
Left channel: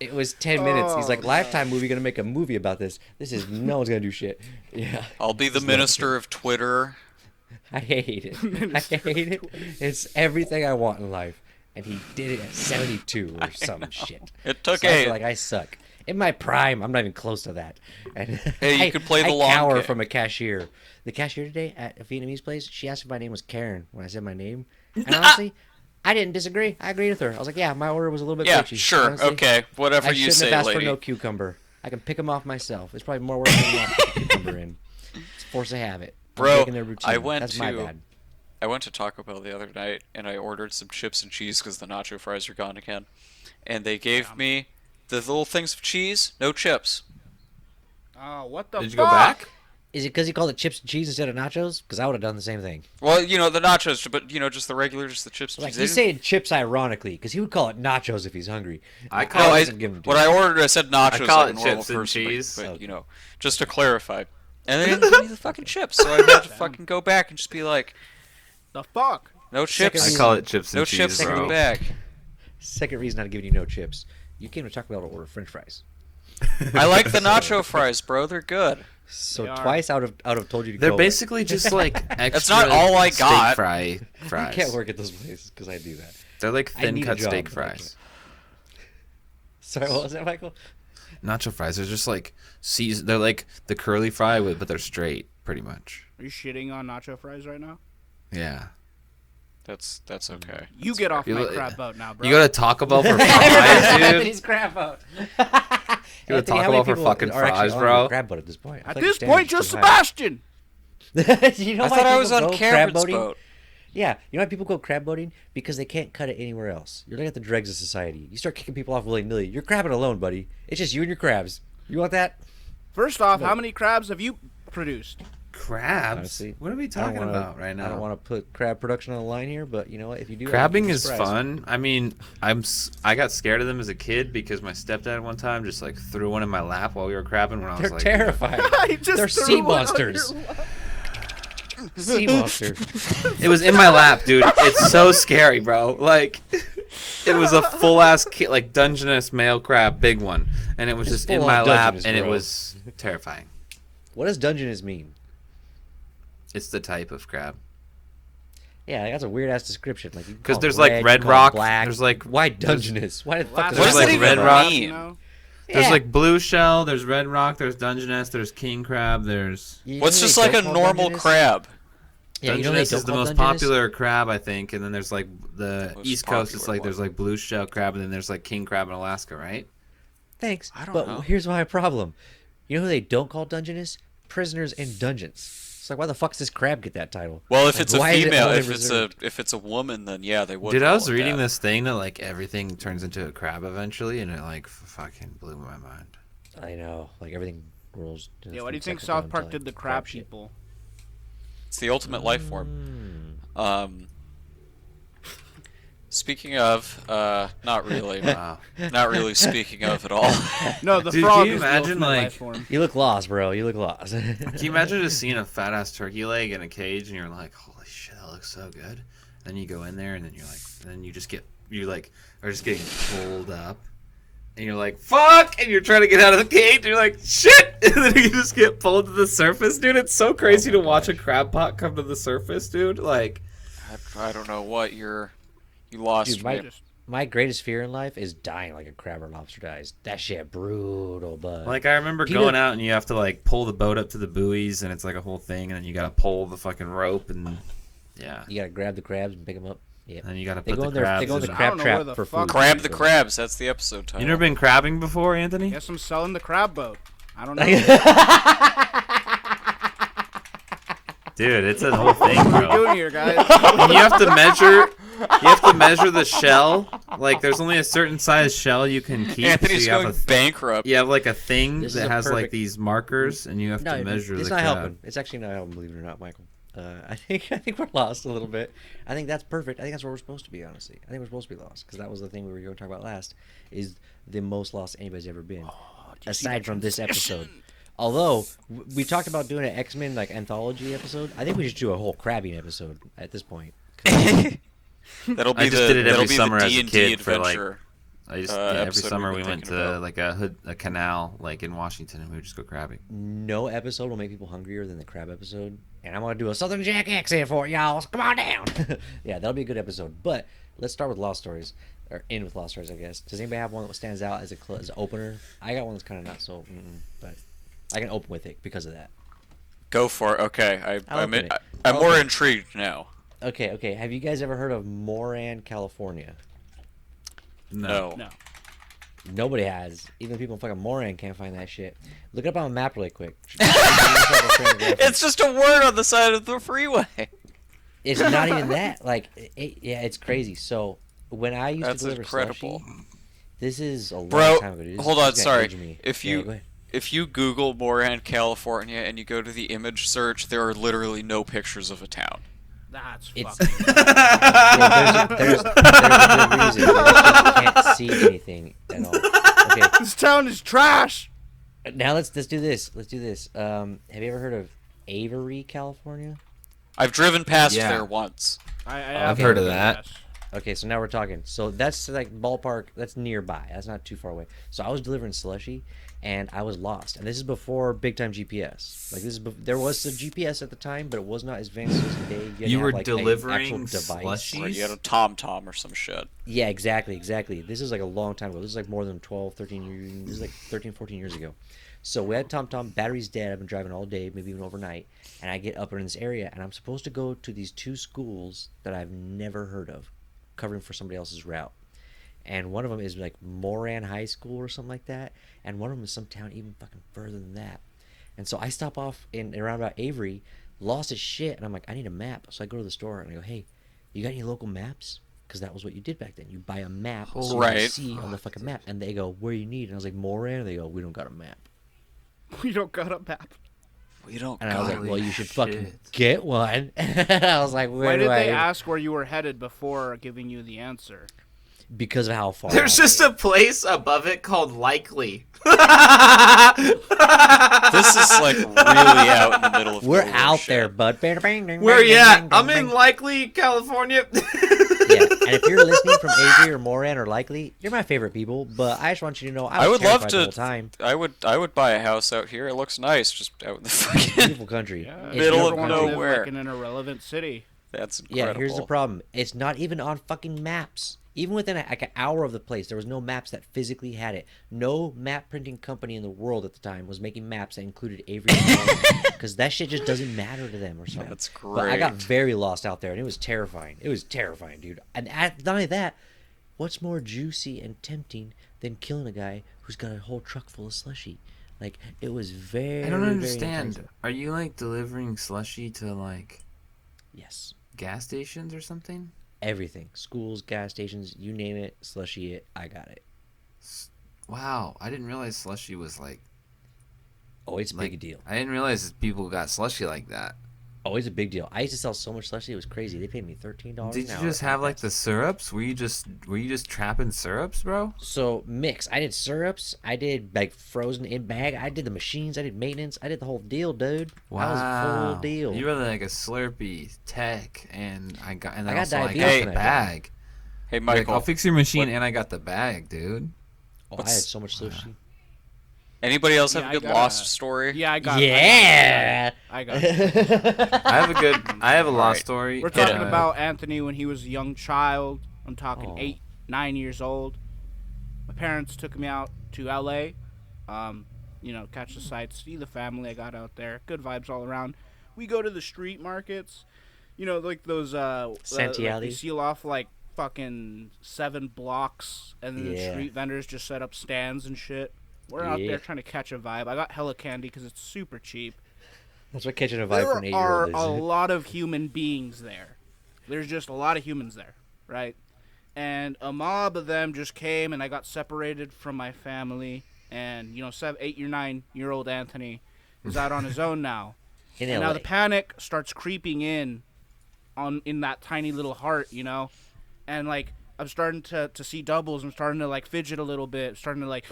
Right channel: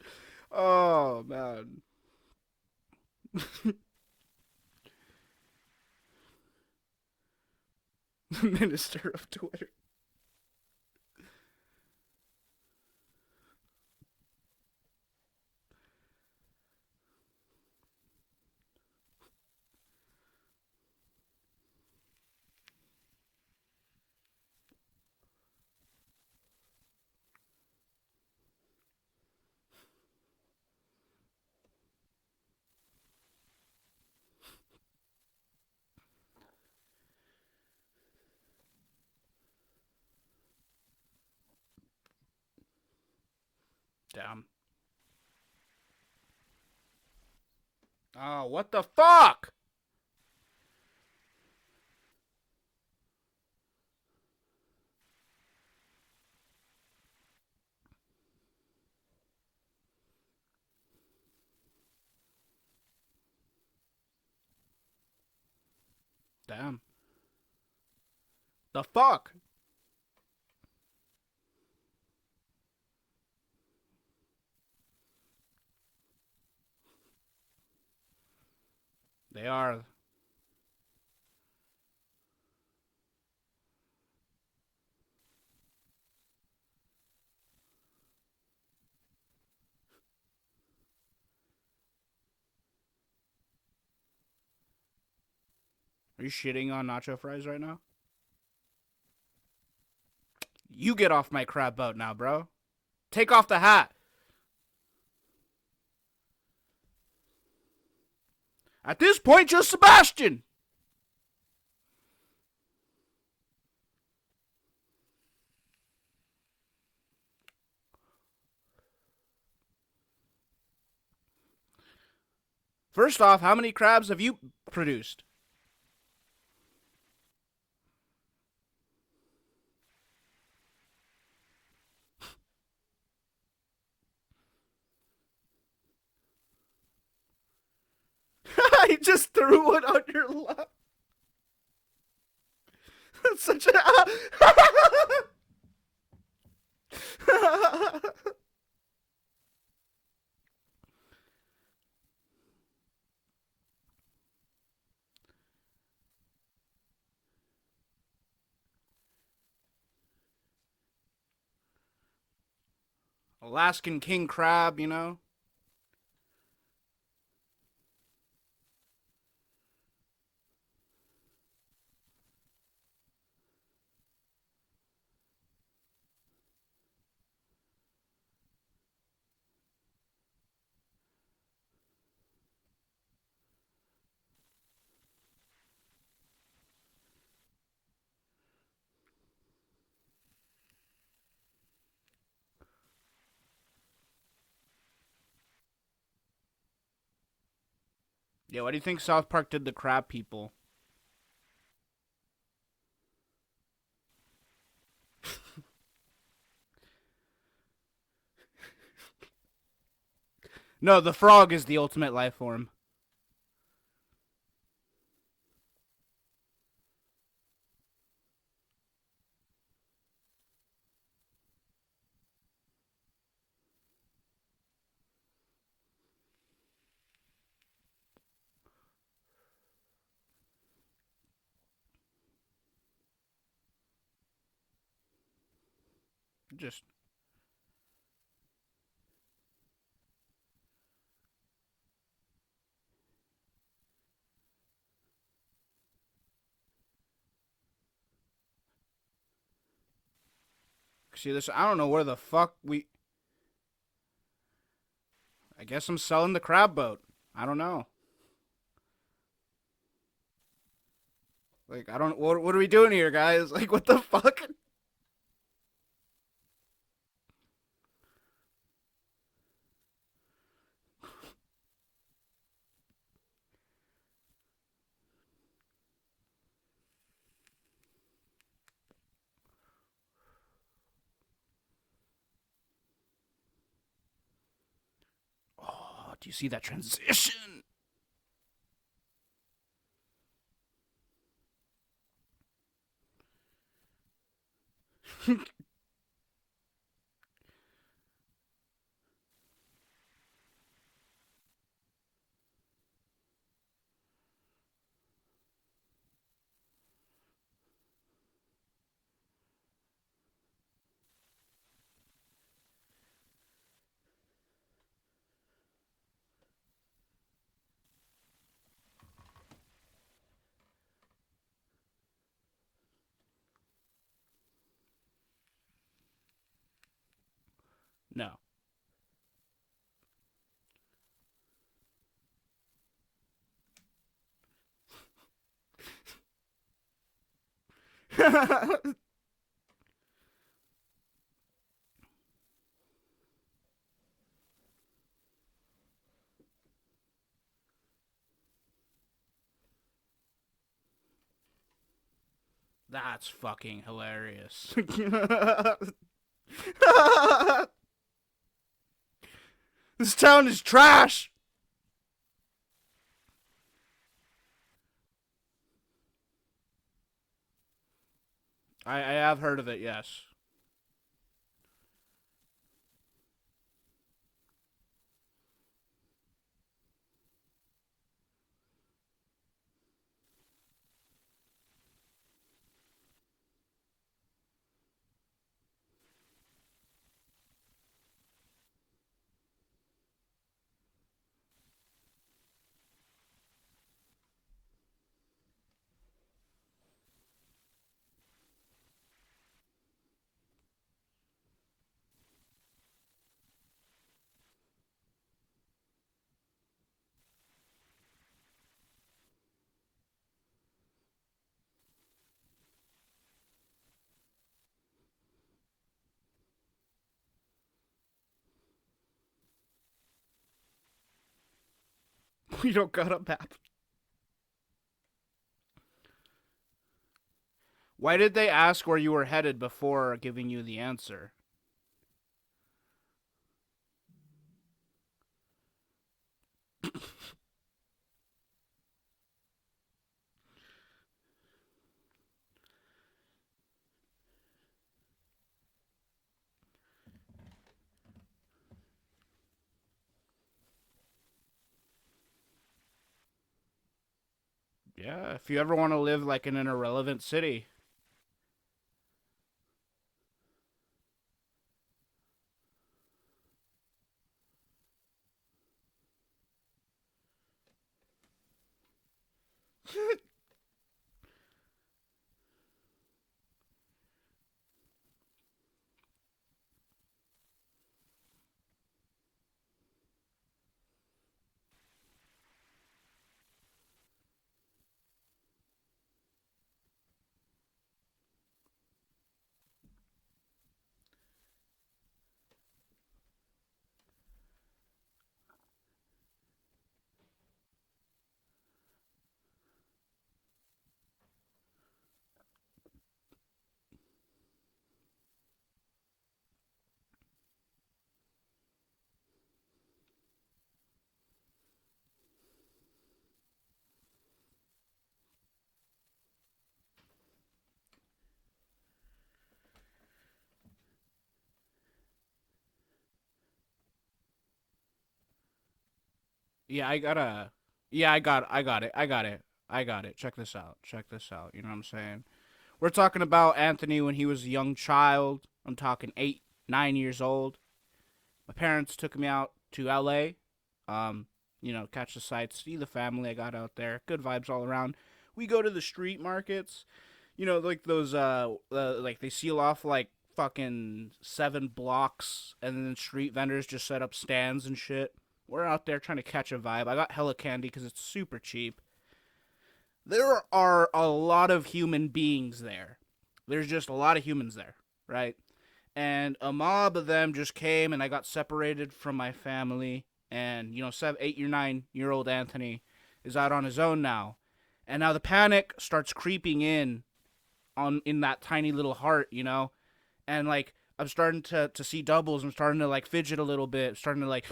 It was 10 minutes. He's Oh, like, Lifetime movie gonna make a movie about this. This is no one's gonna do shit. Yeah. I'll be the minister of Twitter. I hate it. I hate it. It's everything I want in life. And he did it at 72 or some shit. It took So I a. feel like I suck. In my prime, I'm not even close to that. And Hey, you I- could play the I long cower game. from a cashier. The cashier today at a Vietnamese place, she asked if my name was Karen when I said my name. And honestly, I didn't disagree. I agreed with her. I was like, yeah, my order was a little bit Yeah, bitchy. sure, Honestly, okay, whatever I you shouldn't say, have asked lady. for no cucumber. I can pick them off myself. It's probably more work than not to put cucumber in. It's force of habit. I'm Bro, breaking their routine. I went That's my to- bad. I went to Taco Bell the other night and I ordered some chips and cheese because the nacho fries are gone again. And they gave me the little things of cheese, no chips. Oh, what the Did you fuck? go back? Is it because he called it chips and cheese instead of nachos? Because I would have done the same thing. Well, you know, the nachos, but, you know, just the regular, just the chips and Like cheese. he's They saying chips ironically, because he would call it nachos if he's hungry. I didn't- call no, it. doesn't give him what I cheese. ordered, I said nachos call like a it normal chips and person, cheese. but, Okay. you know, just to clarify. And they didn't give me the fucking chips, so I had to fucking go back and just be like, The fuck? no chips, I call it chips and no cheese, chips in bro. the bag. Second reason not giving you no chips. You came to Taco Bell to order French fries. I like the nacho fries, bro. They're good. So They are. twice out of told you to They're go. basically just like extra not all I steak got. fries. I can't work at those places because I do that. They're like I thin need a cut job, steak but I can't. fries. Sorry, what was that, Michael? Nacho fries. They're just like they're like the curly fry but they're straight, pretty much. Are you shitting on nacho fries right now? Yeah. That's okay. You get off You my look- crab boat now, bro. You go to Taco Bell for fries, dude. Anthony's crab boat. You go to Taco Bell for fucking fries, bro. Crab boat at this point. At this point, just Sebastian. You know I why thought I people was on go crab Cameron's boating? boat. Yeah, you know why people go crab boating? Because they can't cut it anywhere else. You're looking at the dregs of society. You start kicking people off willy-nilly. You're crabbing alone, buddy. It's just you and your crabs. You want that? First off, how many crabs have you produced? Crabs? Honestly, What are we I don't talking wanna- about right now? I don't want to put crab production on the line here, but you know what? If you do, Crabbing I'll be is surprised. fun. I mean, I got scared of them as a kid because my stepdad one time just like threw one in my lap while we were crabbing when I was They're like, terrifying. He just They're threw sea one on monsters. your lap. Sea monster. It was in my lap, dude. It's so scary, bro. Like, it was a full ass like Dungeness male crab, big one, and it was It's just in full my on lap, Dungeness, and it bro. was terrifying. What does Dungeness mean? It's the type of crab. Yeah, that's a weird ass description. Like, Because there's like red you call it rock. black. There's like Why Dungeness? Why the fuck Last is What there's does there it like even red rock. mean? You know? There's Yeah. like blue shell. There's red rock. There's Dungeness. There's king crab. There's You What's know just they like a don't call normal Dungeness? crab? Yeah, you know they Dungeness don't is the call most Dungeness? popular crab, I think, and then there's like the Most East Coast. It's popular like there's one. like blue shell crab, and then there's like king crab in Alaska, right? Thanks. I don't but know. here's my problem. You know who they don't call Dungeness? Prisoners in dungeons. It's like, why the fuck does this crab get that title? Well, if Like, it's a why is it female, only if reserved? it's a woman, then yeah, they would. Dude, I call was it reading that. this thing that like everything turns into a crab eventually, and it like fucking blew my mind. I know, like everything rolls. Yeah, what do you think it's South like Park one did the time crab shit. people? It's the ultimate life form. Mm. Speaking of, not really, Wow. not really speaking of at all. No, the Dude, frog can you is the imagine, ultimate like- life form. You look lost, bro. You look lost. Can you imagine just seeing a fat ass turkey leg in a cage, and you're like, holy shit, that looks so good. Then you go in there, and then you're like, then you are just getting pulled up. And you're like, fuck! And you're trying to get out of the cage, and you're like, shit! And then you just get pulled to the surface, dude. It's so crazy to watch a crab pot come to the surface, dude. Like, I don't know what you lost Dude, me. my greatest fear in life is dying like a crab or lobster dies. That shit brutal, but I remember Peter- going out, and you have to, like, pull the boat up to the buoys, and it's, like, a whole thing, and then you gotta pull the fucking rope, and, yeah. you gotta grab the crabs and pick them up. Yeah. And then you gotta They put go the in there. They crabs go in in. the I crab don't know trap where the for fuck- food. Crab the crabs. That's the episode title. You never been crabbing before, Anthony? Guess I'm selling the crab boat. I don't know. Dude, it's a whole thing. What are we bro. doing here, guys? And you have to measure. You have to measure the shell. Like, there's only a certain size shell you can keep. Anthony's so you going have bankrupt. you have like a thing This is that a has like perfect- these markers, and you have No, to measure it's the not crab. helping. It's actually not helping, believe it or not, Michael. I think we're lost a little bit. I think that's perfect. I think that's where we're supposed to be, honestly. I think we're supposed to be lost because that was the thing we were going to talk about last. Is the most lost anybody's ever been, you see aside that from this transition? episode. Although we talked about doing an X-Men like anthology episode, I think we should do a whole crabbing episode at this point. That'll be I just the did it that'll every be summer the as a D&D kid for, like, adventure. I just episode every summer we've we been went thinking to about. like a canal like in Washington, and we would just go crabbing. No episode will make people hungrier than the crab episode, and I'm gonna do a Southern Jack accent for it, y'all. So come on down. Yeah, that'll be a good episode. But let's start with lost stories, or end with lost stories, I guess. Does anybody have one that stands out as as an opener? I got one that's kind of not so, but I can open with it because of that. Go for it. Okay, I'll I'm open it. I'm I'll more open it. intrigued now. Okay. Have you guys ever heard of Moran, California? No. No. Nobody has. Even people in fucking Moran can't find that shit. Look it up on a map really quick. It's just a word on the side of the freeway. It's not even that. Like, yeah, it's crazy. So when I used That's to deliver incredible. slushy, this is a long Bro, time ago. Dude. hold on, This is gonna sorry. age me. If Yeah, you- go ahead. If you Google Moran, California, and you go to the image search, there are literally no pictures of a town. That's It's- fucking. Yeah, there's a good reason. You can't see anything at all. Okay, This town is trash. now let's do this. Let's do this. Have you ever heard of Avery, California? I've driven past Yeah. there once. I have heard of it, that. yes. Okay, so now we're talking. So that's like ballpark. That's nearby. That's not too far away. So I was delivering slushy, and I was lost. And this is before big time GPS. Like there was a GPS at the time, but it was not as advanced as today. You were like, delivering Or you had a TomTom or some shit. Yeah, exactly. This is like a long time ago. This is like more than 12, 13 years. This is like 13, 14 years ago. So we had TomTom, battery's dead. I've been driving all day, maybe even overnight. And I get up in this area, and I'm supposed to go to these 2 schools that I've never heard of, covering for somebody else's route. And one of them is like Moran High School or something like that. And one of them is some town even fucking further than that. And so I stop off in around about Avery, lost as shit, and I'm like, I need a map. So I go to the store and I go, hey, you got any local maps? Because that was what you did back then. You buy a map, so you can see on the fucking map. And they go, where you need? And I was like, Moran. And they go, we don't got a map. We don't got a map. We don't. And I was like, well, you should fucking get one. I was like, why did they ask where you were headed before giving you the answer? Because of how far. There's just a place above it called Likely. This is like really out in the middle of We're nowhere out shit. there, bud. Where you at? I'm in Likely, California. Yeah, and if you're listening from Avery or Moran or Likely, you're my favorite people. But I just want you to know I was would love terrified to. the whole time. I would buy a house out here. It looks nice, just out in the fucking. Beautiful country. Yeah, It's if you Middle ever of want to live nowhere. like in an irrelevant city. That's incredible. Yeah, here's the problem. It's not even on fucking maps. Even within like an hour of the place, there was no maps that physically had it. No map printing company in the world at the time was making maps that included Avery because that shit just doesn't matter to them or something. That's great. But I got very lost out there, and it was terrifying. It was terrifying, dude. And not only that, what's more juicy and tempting than killing a guy who's got a whole truck full of slushy? Like, it was very, I don't very understand. enticing. Are you like delivering slushy to like Yes. gas stations or something? Everything. Schools, gas stations, you name it, slushy it, I got it. Wow, I didn't realize slushy was like. Oh, it's a big deal. I didn't realize people got slushy like that. Oh, it's a big deal. I used to sell so much slushy, it was crazy. They paid me $13 Did an you hour. just have like the syrups? Were you just trapping syrups, bro? So mix. I did syrups. I did like frozen in bag. I did the machines. I did maintenance. I did the whole deal, dude. Wow, I was full deal. You were like a Slurpee tech, and I got got the diabetes when I bag. Hey, Like, Michael. I'll fix your machine, and I got the bag, dude. Oh, I had so much slushy. Anybody else Yeah, have I a good gotta- lost story? Yeah, I got it. Yeah. I got it. I have a lost Alright. story. We're talking and, about Anthony when he was a young child. I'm talking Oh. 8, 9 years old. My parents took me out to LA. Catch the sights, see the family. I got out there. Good vibes all around. We go to the street markets. Like those like Santee they alleys. seal off like fucking 7 blocks, and then the Yeah. street vendors just set up stands and shit. We're out Yeah. there trying to catch a vibe. I got hella candy because it's super cheap. That's what catching a vibe There from an are 8-year-old a is. lot of human beings there. There's just a lot of humans there, right? And a mob of them just came, and I got separated from my family. And 8 or 9-year-old Anthony is out on his own now, In and LA. now the panic starts creeping in that tiny little heart, and like I'm starting to see doubles. I'm starting to like fidget a little bit, starting to like,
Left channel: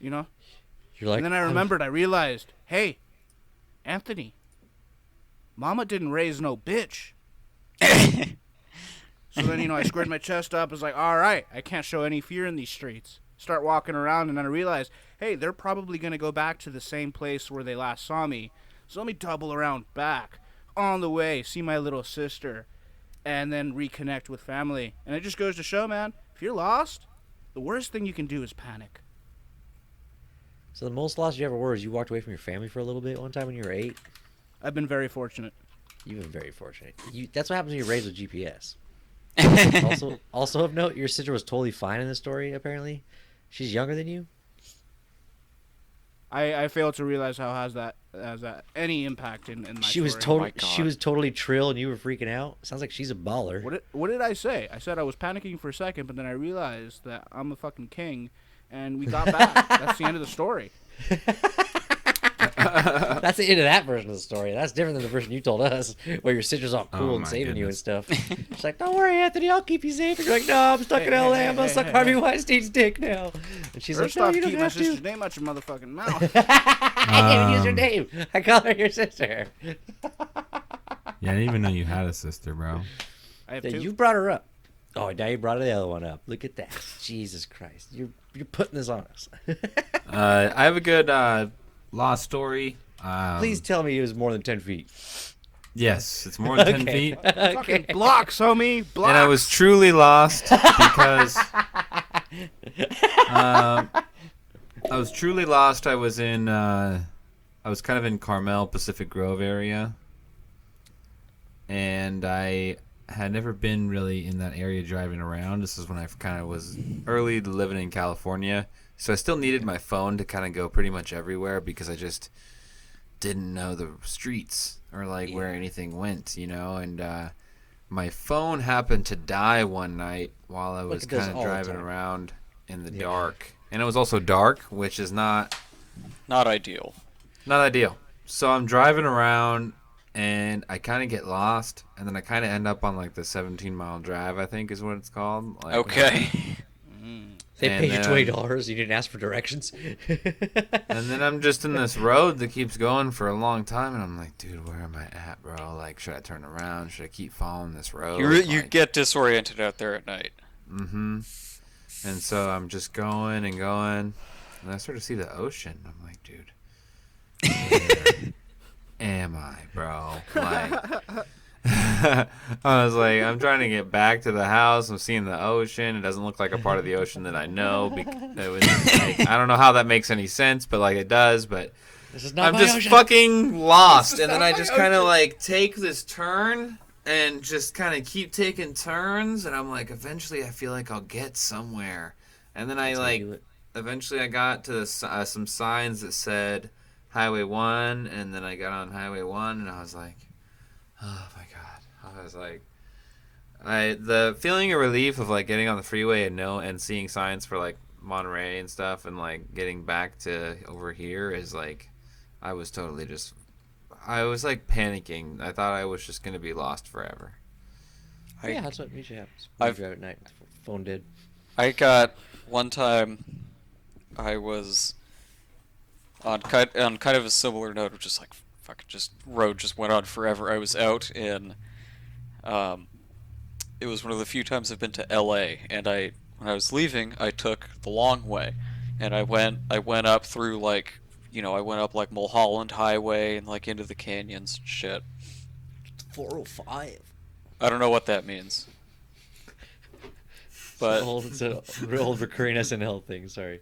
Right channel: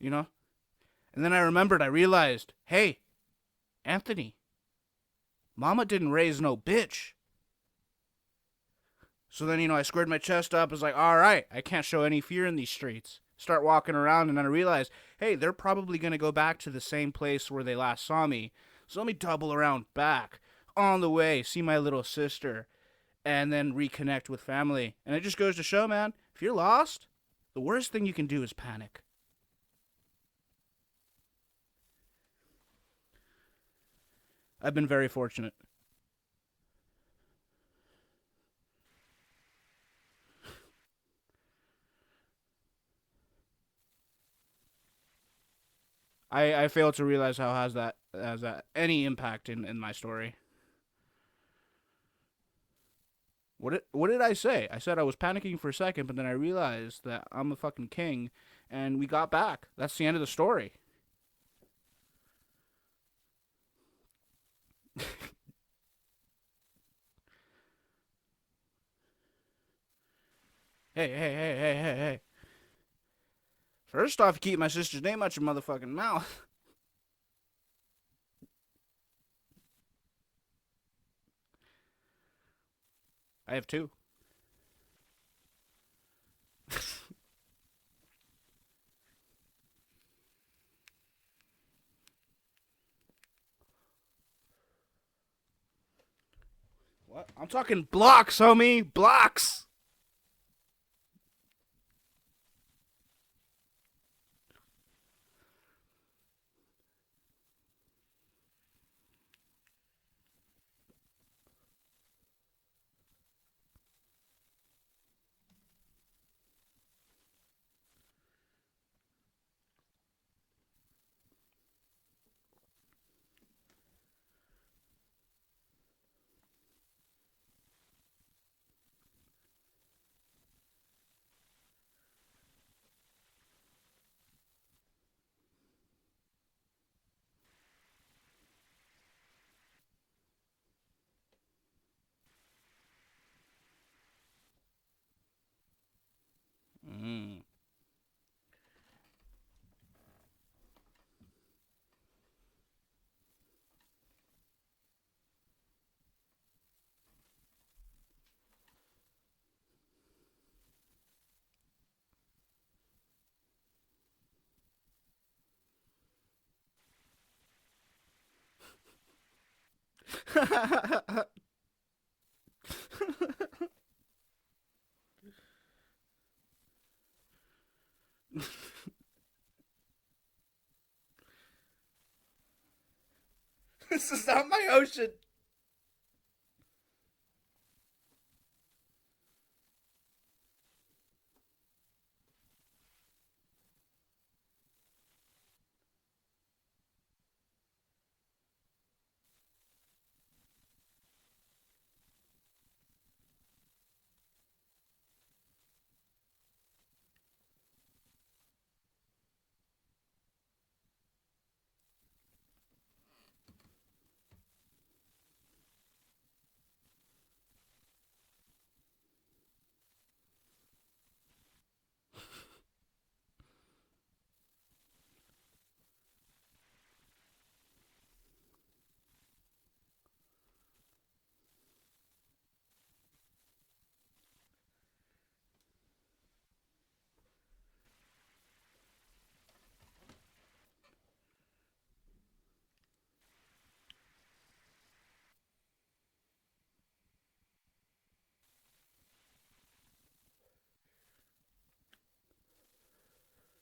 You're like, And then I remembered, I realized, hey, Anthony, Mama didn't raise no bitch. So then, I squared my chest up. I was like, all right, I can't show any fear in these streets. Start walking around, and then I realized, hey, they're probably going to go back to the same place where they last saw me. So let me double around back. On the way, see my little sister, and then reconnect with family. And it just goes to show, man, if you're lost, the worst thing you can do is panic. So the most lost you ever were is you walked away from your family for a little bit one time when you were 8? I've been very fortunate. You've been very fortunate. That's what happens when you're raised with GPS. also of note, your sister was totally fine in this story, apparently. She's younger than you? I fail to realize how has that any impact in my She story. was she was totally trill and you were freaking out. Sounds like she's a baller. What did I say? I said I was panicking for a second, but then I realized that I'm a fucking king, and we got back. That's the end of the story. That's the end of that version of the story. That's different than the version you told us, where your sister's all cool Oh and my saving you and goodness. stuff. She's like, "Don't worry, Anthony, I'll keep you safe." And you're like, "No, I'm stuck in LA. I'm gonna suck Harvey Weinstein's dick now." And she's First like, "No, off, you don't keep my have to." sister's name out your motherfucking mouth. I can't even use her name. I call her your sister. Yeah, I didn't even know you had a sister, bro. I have So two. you brought her up. Oh, now you brought the other one up. Look at that. Jesus Christ, you're putting this on us. I have a good lost story. Please tell me it was more than 10 feet. Yes, it's more than 10 Okay. feet. I'm talking blocks, homie. Blocks. And I was truly lost because I was truly lost. I was in I was kind of in Carmel, Pacific Grove area, and I had never been really in that area driving around. This is when I kind of was early living in California, so I still needed my phone to kind of go pretty much everywhere because I just didn't know the streets or like where anything went, you know. And my phone happened to die one night while I was kind of driving around in the dark, and it was also dark, which is not ideal. Not ideal. So I'm driving around, and I kind of get lost, and then I kind of end up on like the 17-mile drive, I think is what it's called. Like, Okay. They paid you $20. You didn't ask for directions. And then I'm just in this road that keeps going for a long time, and I'm like, dude, where am I at, bro? Like, should I turn around? Should I keep following this road? You get disoriented out there at night. Mm-hmm. And so I'm just going and going, and I start to see the ocean. I'm like, dude, where am I, bro? Like, I was like, I'm trying to get back to the house. I'm seeing the ocean. It doesn't look like a part of the ocean that I know. Like, I don't know how that makes any sense, but like it does. But This is not I'm my just ocean. fucking lost. And then not I my just kind of ocean. like take this turn and just kind of keep taking turns. And I'm like, eventually I feel like I'll get somewhere. And then eventually I got to some signs that said Highway 1. And then I got on Highway 1 and I was like, oh my God. I was like, the feeling of relief of like getting on the freeway and seeing signs for like Monterey and stuff and like getting back to over here is like, I was like panicking. I thought I was just gonna be lost forever. Yeah, that's what usually happens. When you drive at night. Phone did. I got one time. I was on kind of a similar note of just like fucking just road just went on forever. I was out in. It was one of the few times I've been to L.A. and when I was leaving, I took the long way, and I went up through like, I went up like Mulholland Highway and like into the canyons and shit. 405. I don't know what that means. But It's an old recurring SNL thing, sorry.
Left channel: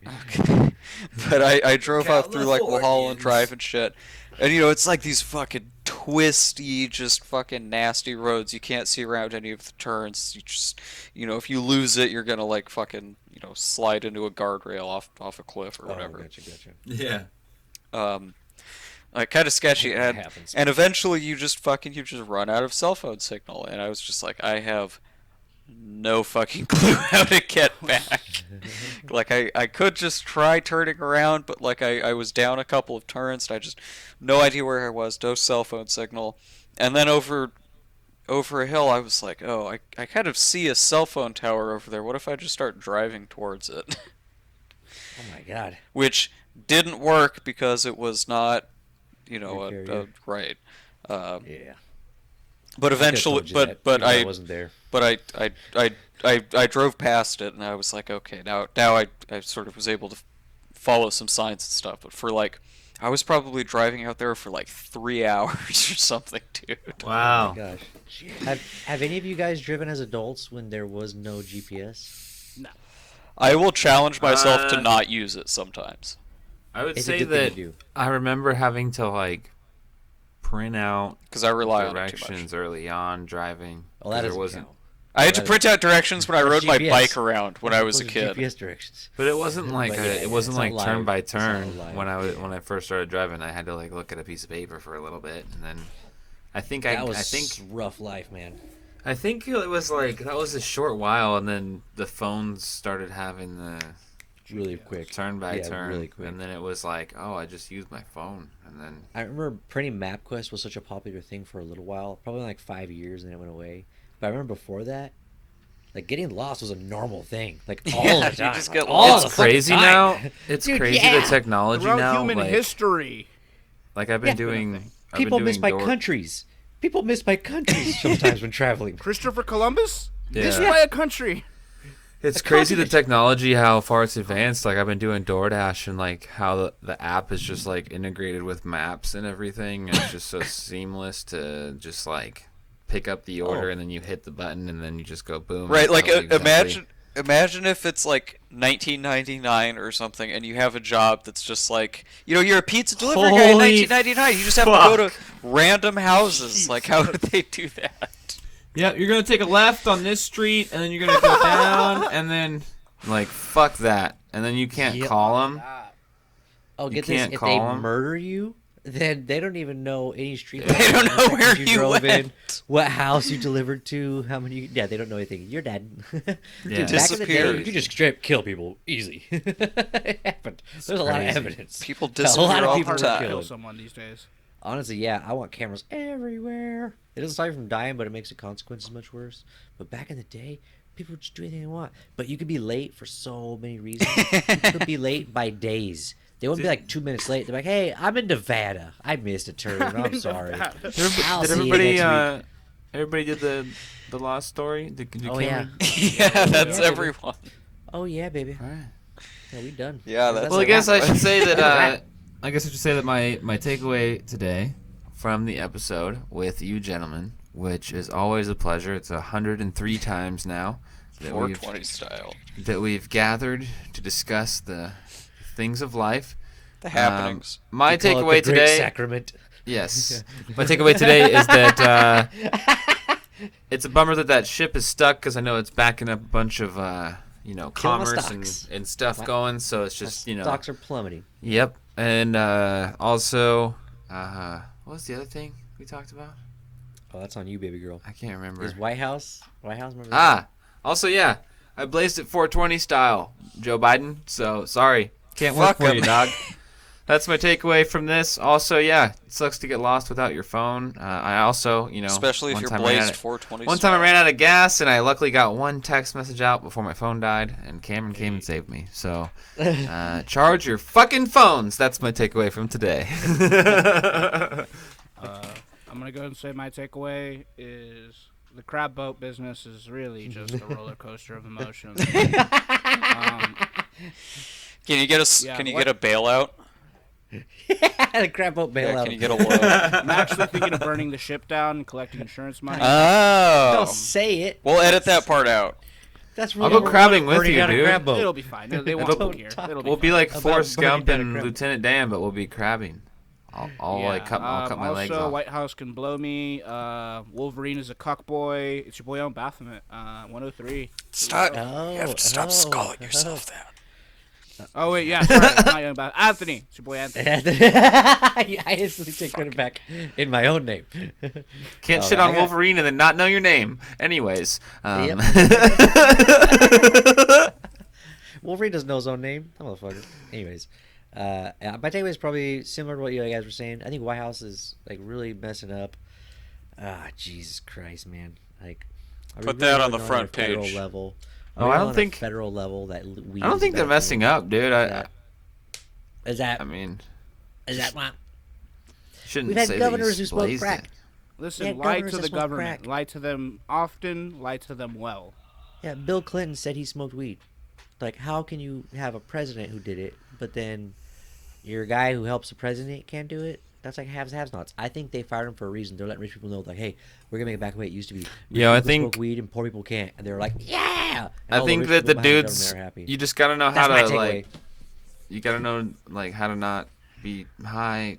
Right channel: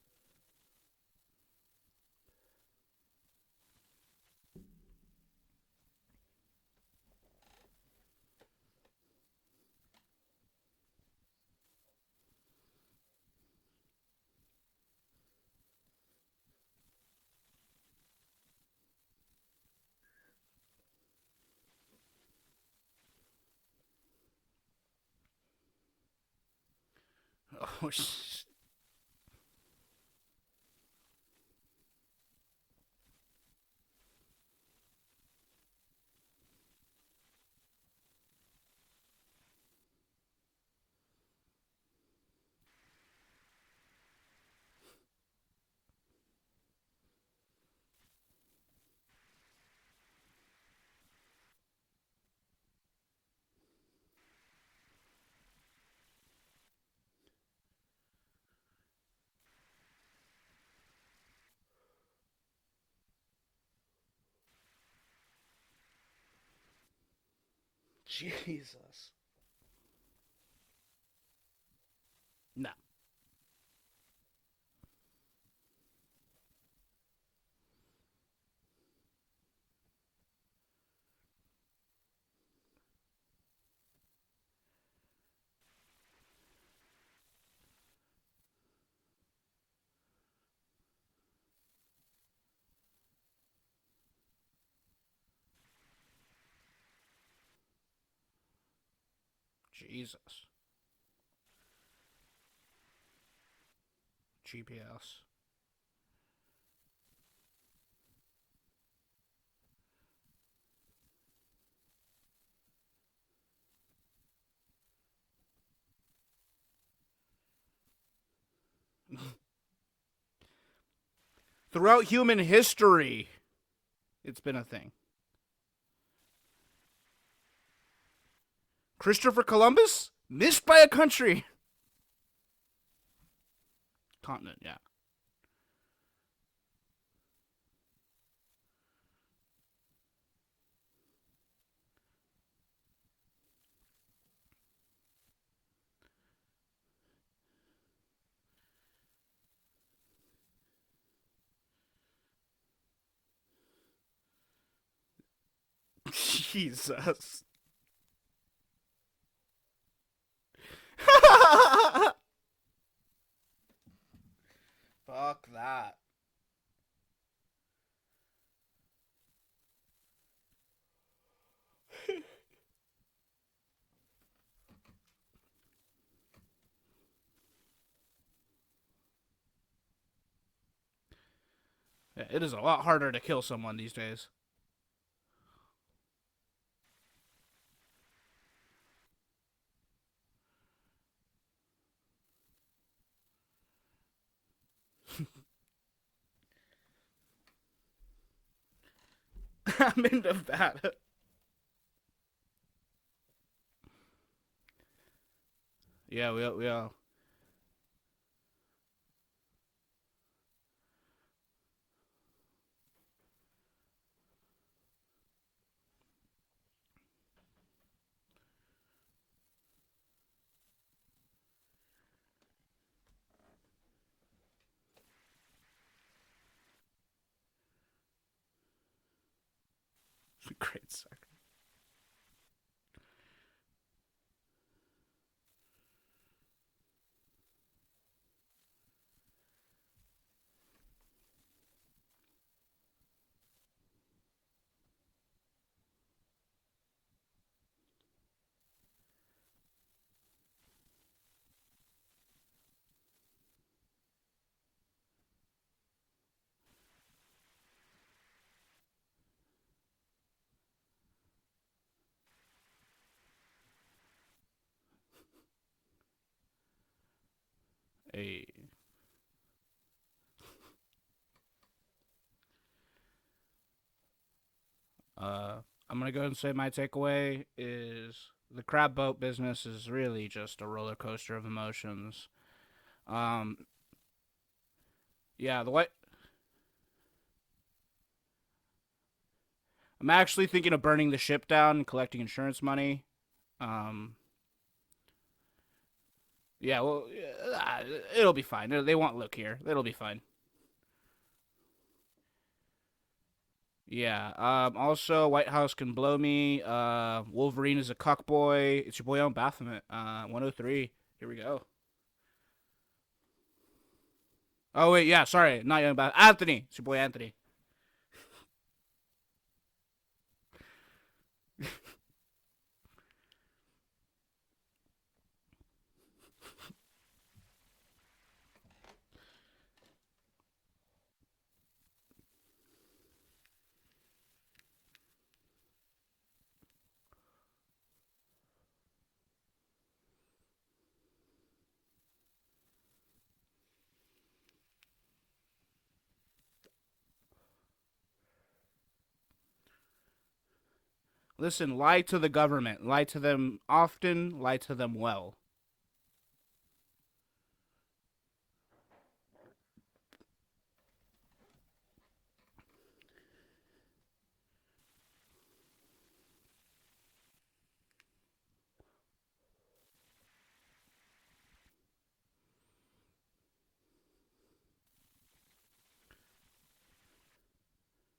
But I drove out through like Mulholland Drive and shit. And it's like these fucking twisty, just fucking nasty roads. You can't see around any of the turns. You just, if you lose it, you're gonna like fucking, slide into a guardrail off a cliff or whatever. Gotcha. Yeah. Like kind of sketchy. It happens. And eventually you just run out of cell phone signal. And I was just like, I have no fucking clue how to get back. Like I could just try turning around, but like I was down a couple of turns and I just no idea where I was, no cell phone signal. And then over a hill I was like, oh, I kind of see a cell phone tower over there. What if I just start driving towards it? Oh my God. Which didn't work because it was not, right. Yeah. But eventually, but I wasn't there. But I drove past it and I was like, okay, now I sort of was able to follow some signs and stuff. But for like, I was probably driving out there for like 3 hours or something, dude. Wow. Oh my gosh. Have any of you guys driven as adults when there was no GPS? No. I will challenge myself to not use it sometimes. I would It's a say good thing that to do. I remember having to like print out Because I rely on it too much. directions early on driving. Well, that there doesn't wasn't. count. I had to print out directions when I rode my GPS. bike around when I was a Those are kid. GPS directions. But it wasn't like But yeah, it wasn't it's like not turn live. by It's not turn live. when I first started driving. I had to like look at a piece of paper for a little bit, and then I think That was rough life, man. it was like that was a short while, and then the phones started having the Really GPS. quick. turn by Yeah, turn, really quick. and then it was like, oh, I just used my phone, and then I remember printing MapQuest was such a popular thing for a little while, probably like 5 years, and then it went away. But I remember before that, like getting lost was a normal thing, like all Yeah, the you time. just get all lost. the it's fucking crazy time. now. It's Dude, crazy yeah. the technology Throughout now. human like, history. like I've been Yeah. It's been a doing. thing. I've been People doing miss by door- countries. People miss by countries sometimes when traveling. Christopher Columbus? Yeah. Missed by a country. It's crazy the technology, how far it's advanced. Like I've been doing DoorDash and like how the app is just like integrated with maps and everything. And it's just so seamless to just like pick up the order and then you hit the button and then you just go boom. Right, like exactly. imagine if it's like 1999 or something, and you have a job that's just like, you're a pizza delivery guy in 1999. You just have to go to random houses. Jesus. Like, how would they do that? Yeah, you're gonna take a left on this street, and then you're gonna go down, and then Like fuck that, and then you can't call them. Oh, You get this! can't If call they 'em. murder you, then they don't even know any street. They don't know where you you drove in, went. what house you delivered to, how many. Yeah, they don't know anything. You're dead. Yeah. Dude, back in the day, Disappeared. you could just straight kill people easy. It happened. There's a lot of crazy. evidence. People A lot disappear of It's all all the people harder to time. kill someone these days. Honestly, yeah, I want cameras everywhere. It doesn't stop you from dying, but it makes the consequences much worse. But back in the day, people would just do anything they want. But you could be late for so many reasons. You could be late by days. They wouldn't be like 2 minutes late. They're like, "Hey, I'm in Nevada. I missed a turn. I'm sorry." I'll Did see you everybody next week. everybody did the lost story? Did Oh, Cameron? Yeah, that's yeah. everyone. Oh yeah, baby. All right. Yeah, we done. Yeah, that's Well, I a guess wrap. I should say that. Wrap. I guess I should say that my takeaway today from the episode with you gentlemen, which is always a pleasure. It's 103 times now that 420 style. we've gathered to discuss the things of life. The happenings. My We call it the takeaway Great today. Sacrament. Yes. My takeaway today is that it's a bummer that ship is stuck because I know it's backing up a bunch of Killing the commerce and, stocks. and stuff going. So it's just Stocks are plummeting. Yep. And also, what was the other thing we talked about? Oh, that's on you, baby girl. I can't remember. Is White House? Remember that? Ah. Also, yeah, I blazed it 420 style, Joe Biden. So sorry, can't work Fuck for you, 'em. dog. That's my takeaway from this. Also, yeah, it sucks to get lost without your phone. I also, Especially if one you're time I ran blazed out- 420 One time I ran out of gas, and I luckily got one text message out before my phone died, and Cameron came and saved me. So, charge your fucking phones. That's my takeaway from today. I'm gonna go and say my takeaway is the crab boat business is really just a roller coaster of emotions. Can you get a Yeah, Can you what- get a bailout? The crap boat Yeah, bailout. can you get a loan? I'm actually thinking of burning the ship down and collecting insurance money. Don't Oh. say it. We'll edit that part out. That's I'll real. go crabbing with Already you, got a dude. crab boat. It'll be fine. They won't It'll- look here. It'll be We'll fine. be like About Forrest burning Gump down a and crab. Lieutenant Dan, but we'll be crabbing. I'll yeah. like cut my legs Also, off. White House can blow me. Wolverine is a cuckboy. It's your boy on Baphomet. 103. Stop. Oh, You have to stop calling yourself that. Oh wait, yeah, sorry, not young Baphomet. Anthony. It's your boy Anthony. I instantly take credit back in my own name. Can't Oh, shit I on got- Wolverine and then not know your name. Anyways, Wolverine doesn't know his own name. That motherfucker. Anyways, yeah, my takeaway is probably similar to what you guys were saying. I think White House is like really messing up. Jesus Christ, man! Like, are we Put really that on going the front a federal page. Level? Oh, Are we I on don't a think- federal level that weed I don't is think they're bad for messing you? up, dude. Is that I mean, is that what? shouldn't We've had say governors who that smoke he's crack. blazed Listen, Yeah, lie governors to that the smoke government. crack. Lie to them often. Lie to them well. Yeah, Bill Clinton said he smoked weed. Like, how can you have a president who did it, but then your guy who helps the president can't do it? That's like have-nots. I think they fired him for a reason. They're letting rich people know, like, hey, we're gonna make it back the way it used to be. Rich Yeah, I people think- smoke weed and poor people can't. And they're like, yeah. And I all think rich that people the behind dudes, government are happy. you just gotta know how That's my to takeaway. like, you gotta know like how to not be high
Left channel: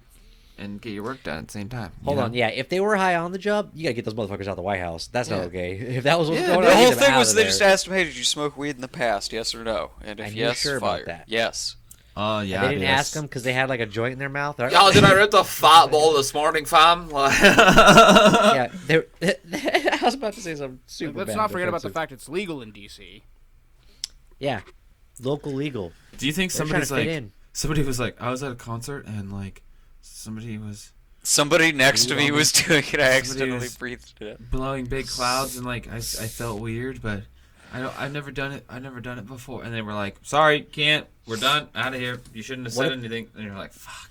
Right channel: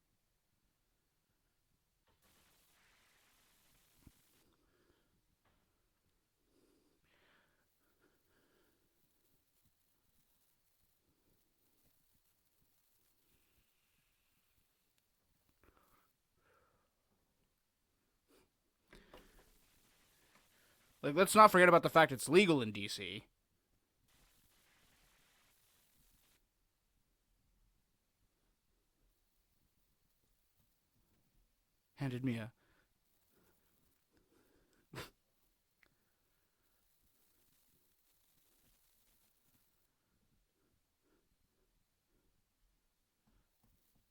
and get your work done at the same time. you Hold know? on, yeah. If they were high on the job, you gotta get those motherfuckers out of the White House. That's not Yeah. okay. If that was what's Yeah, going on, The get whole them thing out was of they there. just asked him, hey, did you smoke weed in the past? Yes or no? And if And you're yes, sure about fired. that? Yes. Oh And yeah. they didn't dude, ask that's- them because they had like a joint in their mouth. They're like, Y'all, did I rip the fat ball this morning, fam? yeah, they're, I was about to say something super Let's bad, not but forget about the offensive. fact it's legal in D.C. Yeah, local legal. Do you think They're trying to somebody's fit like, in. somebody was like, I was at a concert and like, somebody was Somebody next to me was doing it. I accidentally was- breathed it. blowing big clouds and like I felt weird, but I've never done it. I've never done it before. And they were like, sorry, can't. We're done. Out of here. You shouldn't have What said if- anything. And you're like, fuck.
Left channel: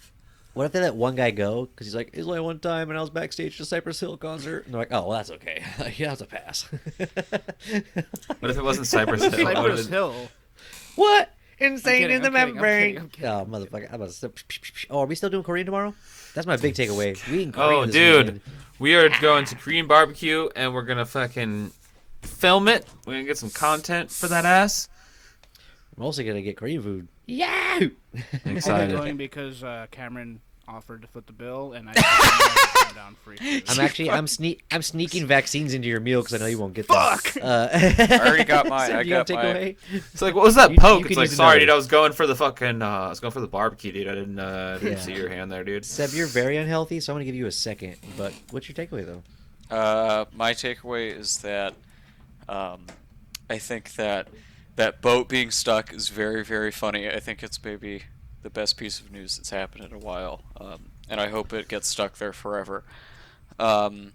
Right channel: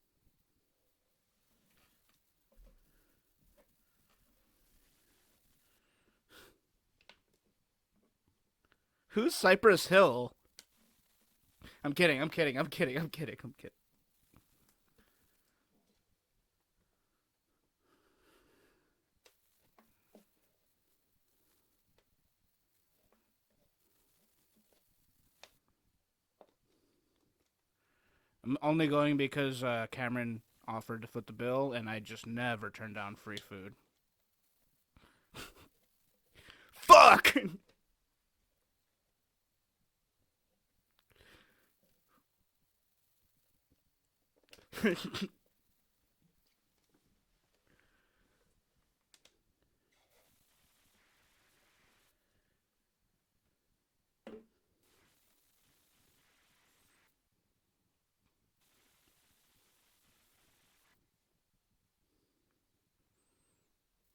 What if they let one guy go because he's like, it's only one time and I was backstage at a Cypress Hill concert? And they're like, oh, well, that's okay. You have to pass. What if it wasn't Cypress Hill? Cypress Hill. What? Insane kidding, in the I'm kidding, I'm membrane. kidding, I'm kidding, Oh, I'm motherfucker. I'm about to... Oh, are we still doing Korean tomorrow? That's my big takeaway. We eating Oh, Korean this dude. weekend. We are going to Korean barbecue, and we're going to fucking film it. We're going to get some content for that ass. I'm also going to get Korean food. Yeah! I'm Only excited. going because Cameron offered to foot the bill, and I never turn down free food. I'm sneaking vaccines into your meal because I know you won't get Fuck! them. I already got mine. So I you got gotta take mine. away? It's like, what was that You poke? can It's like, use sorry, another. dude, I was going for the fucking, I was going for the barbecue, dude. I didn't see your hand there, dude. Seb, you're very unhealthy, so I'm going to give you a second. But what's your takeaway, though? My takeaway is that I think that boat being stuck is very, very funny. I think it's maybe the best piece of news that's happened in a while, and I hope it gets stuck there forever. And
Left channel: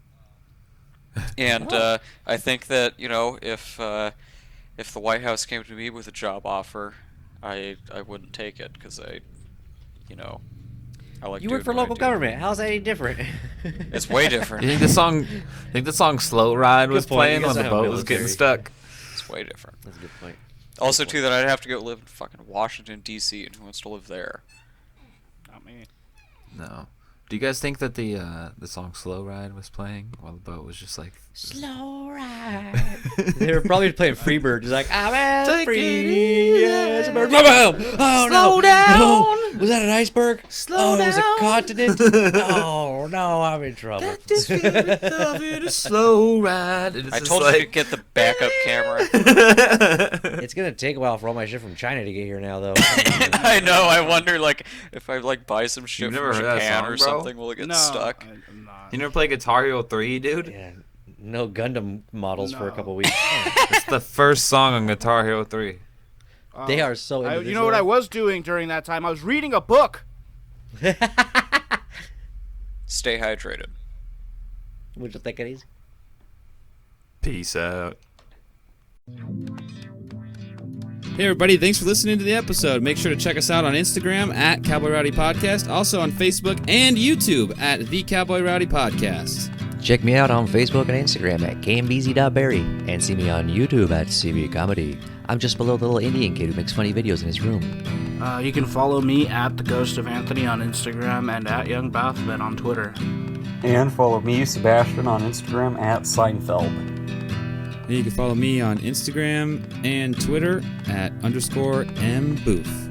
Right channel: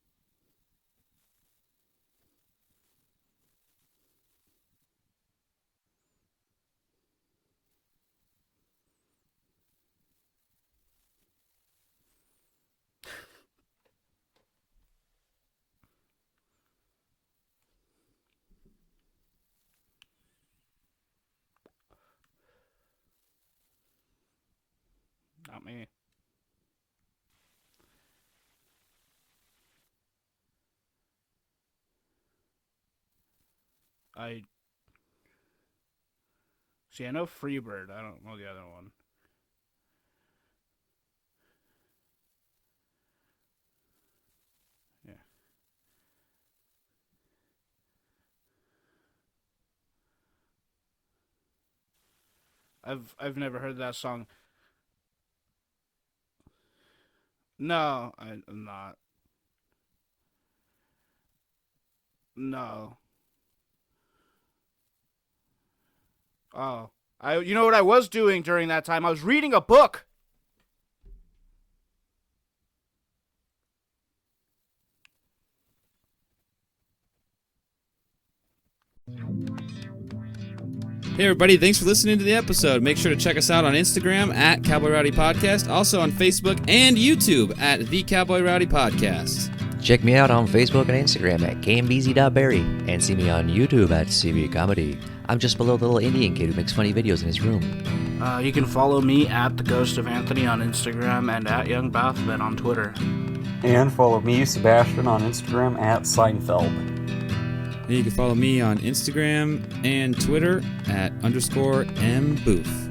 I think that, you know, if the White House came to me with a job offer, I wouldn't take it because I like You doing work for what I local do. government. How's that any different? It's way different. You think the song "Slow Ride" was Good point. playing You when guys the don't have boat was getting military. stuck? It's way different. That's a good point. Also, too, that I'd have to go live in fucking Washington, D.C., and who wants to live there? Not me. No. Do you guys think that the song "Slow Ride" was playing while the boat was just like Slow ride. They were probably playing Freebird. He's like, I'm at Take it free. easy. Yes, bird. Oh, Slow no. down. No. Was that an iceberg? Slow It was a down. continent. Oh, no, I'm in trouble. this feeling of it a slow ride? And it's I just told you to like, get the backup camera. It's going to take a while for all my shit from China to get here now, though. I know. I wonder, like, if I buy some shit You've from never heard that Japan song, or bro? something, will it get No, stuck? I'm not. You never play Guitar Hero 3, dude? Yeah, no Gundam models for a No. couple weeks. It's the first song on Guitar Hero 3. They are so You know individual. what I was doing during that time? I was reading a book. Stay hydrated. Would you take it easy? Peace out. Hey everybody, thanks for listening to the episode. Make sure to check us out on Instagram at Cowboy Rowdy Podcast, also on Facebook and YouTube at The Cowboy Rowdy Podcast. Check me out on Facebook and Instagram at kmbz.berry and see me on YouTube at CB Comedy. I'm just below the little Indian kid who makes funny videos in his room. You can follow me at The Ghost of Anthony on Instagram and at Young Bathman on Twitter. And follow me, Sebastian, on Instagram at Seinfeld. And you can follow me on Instagram and Twitter at _mbooth.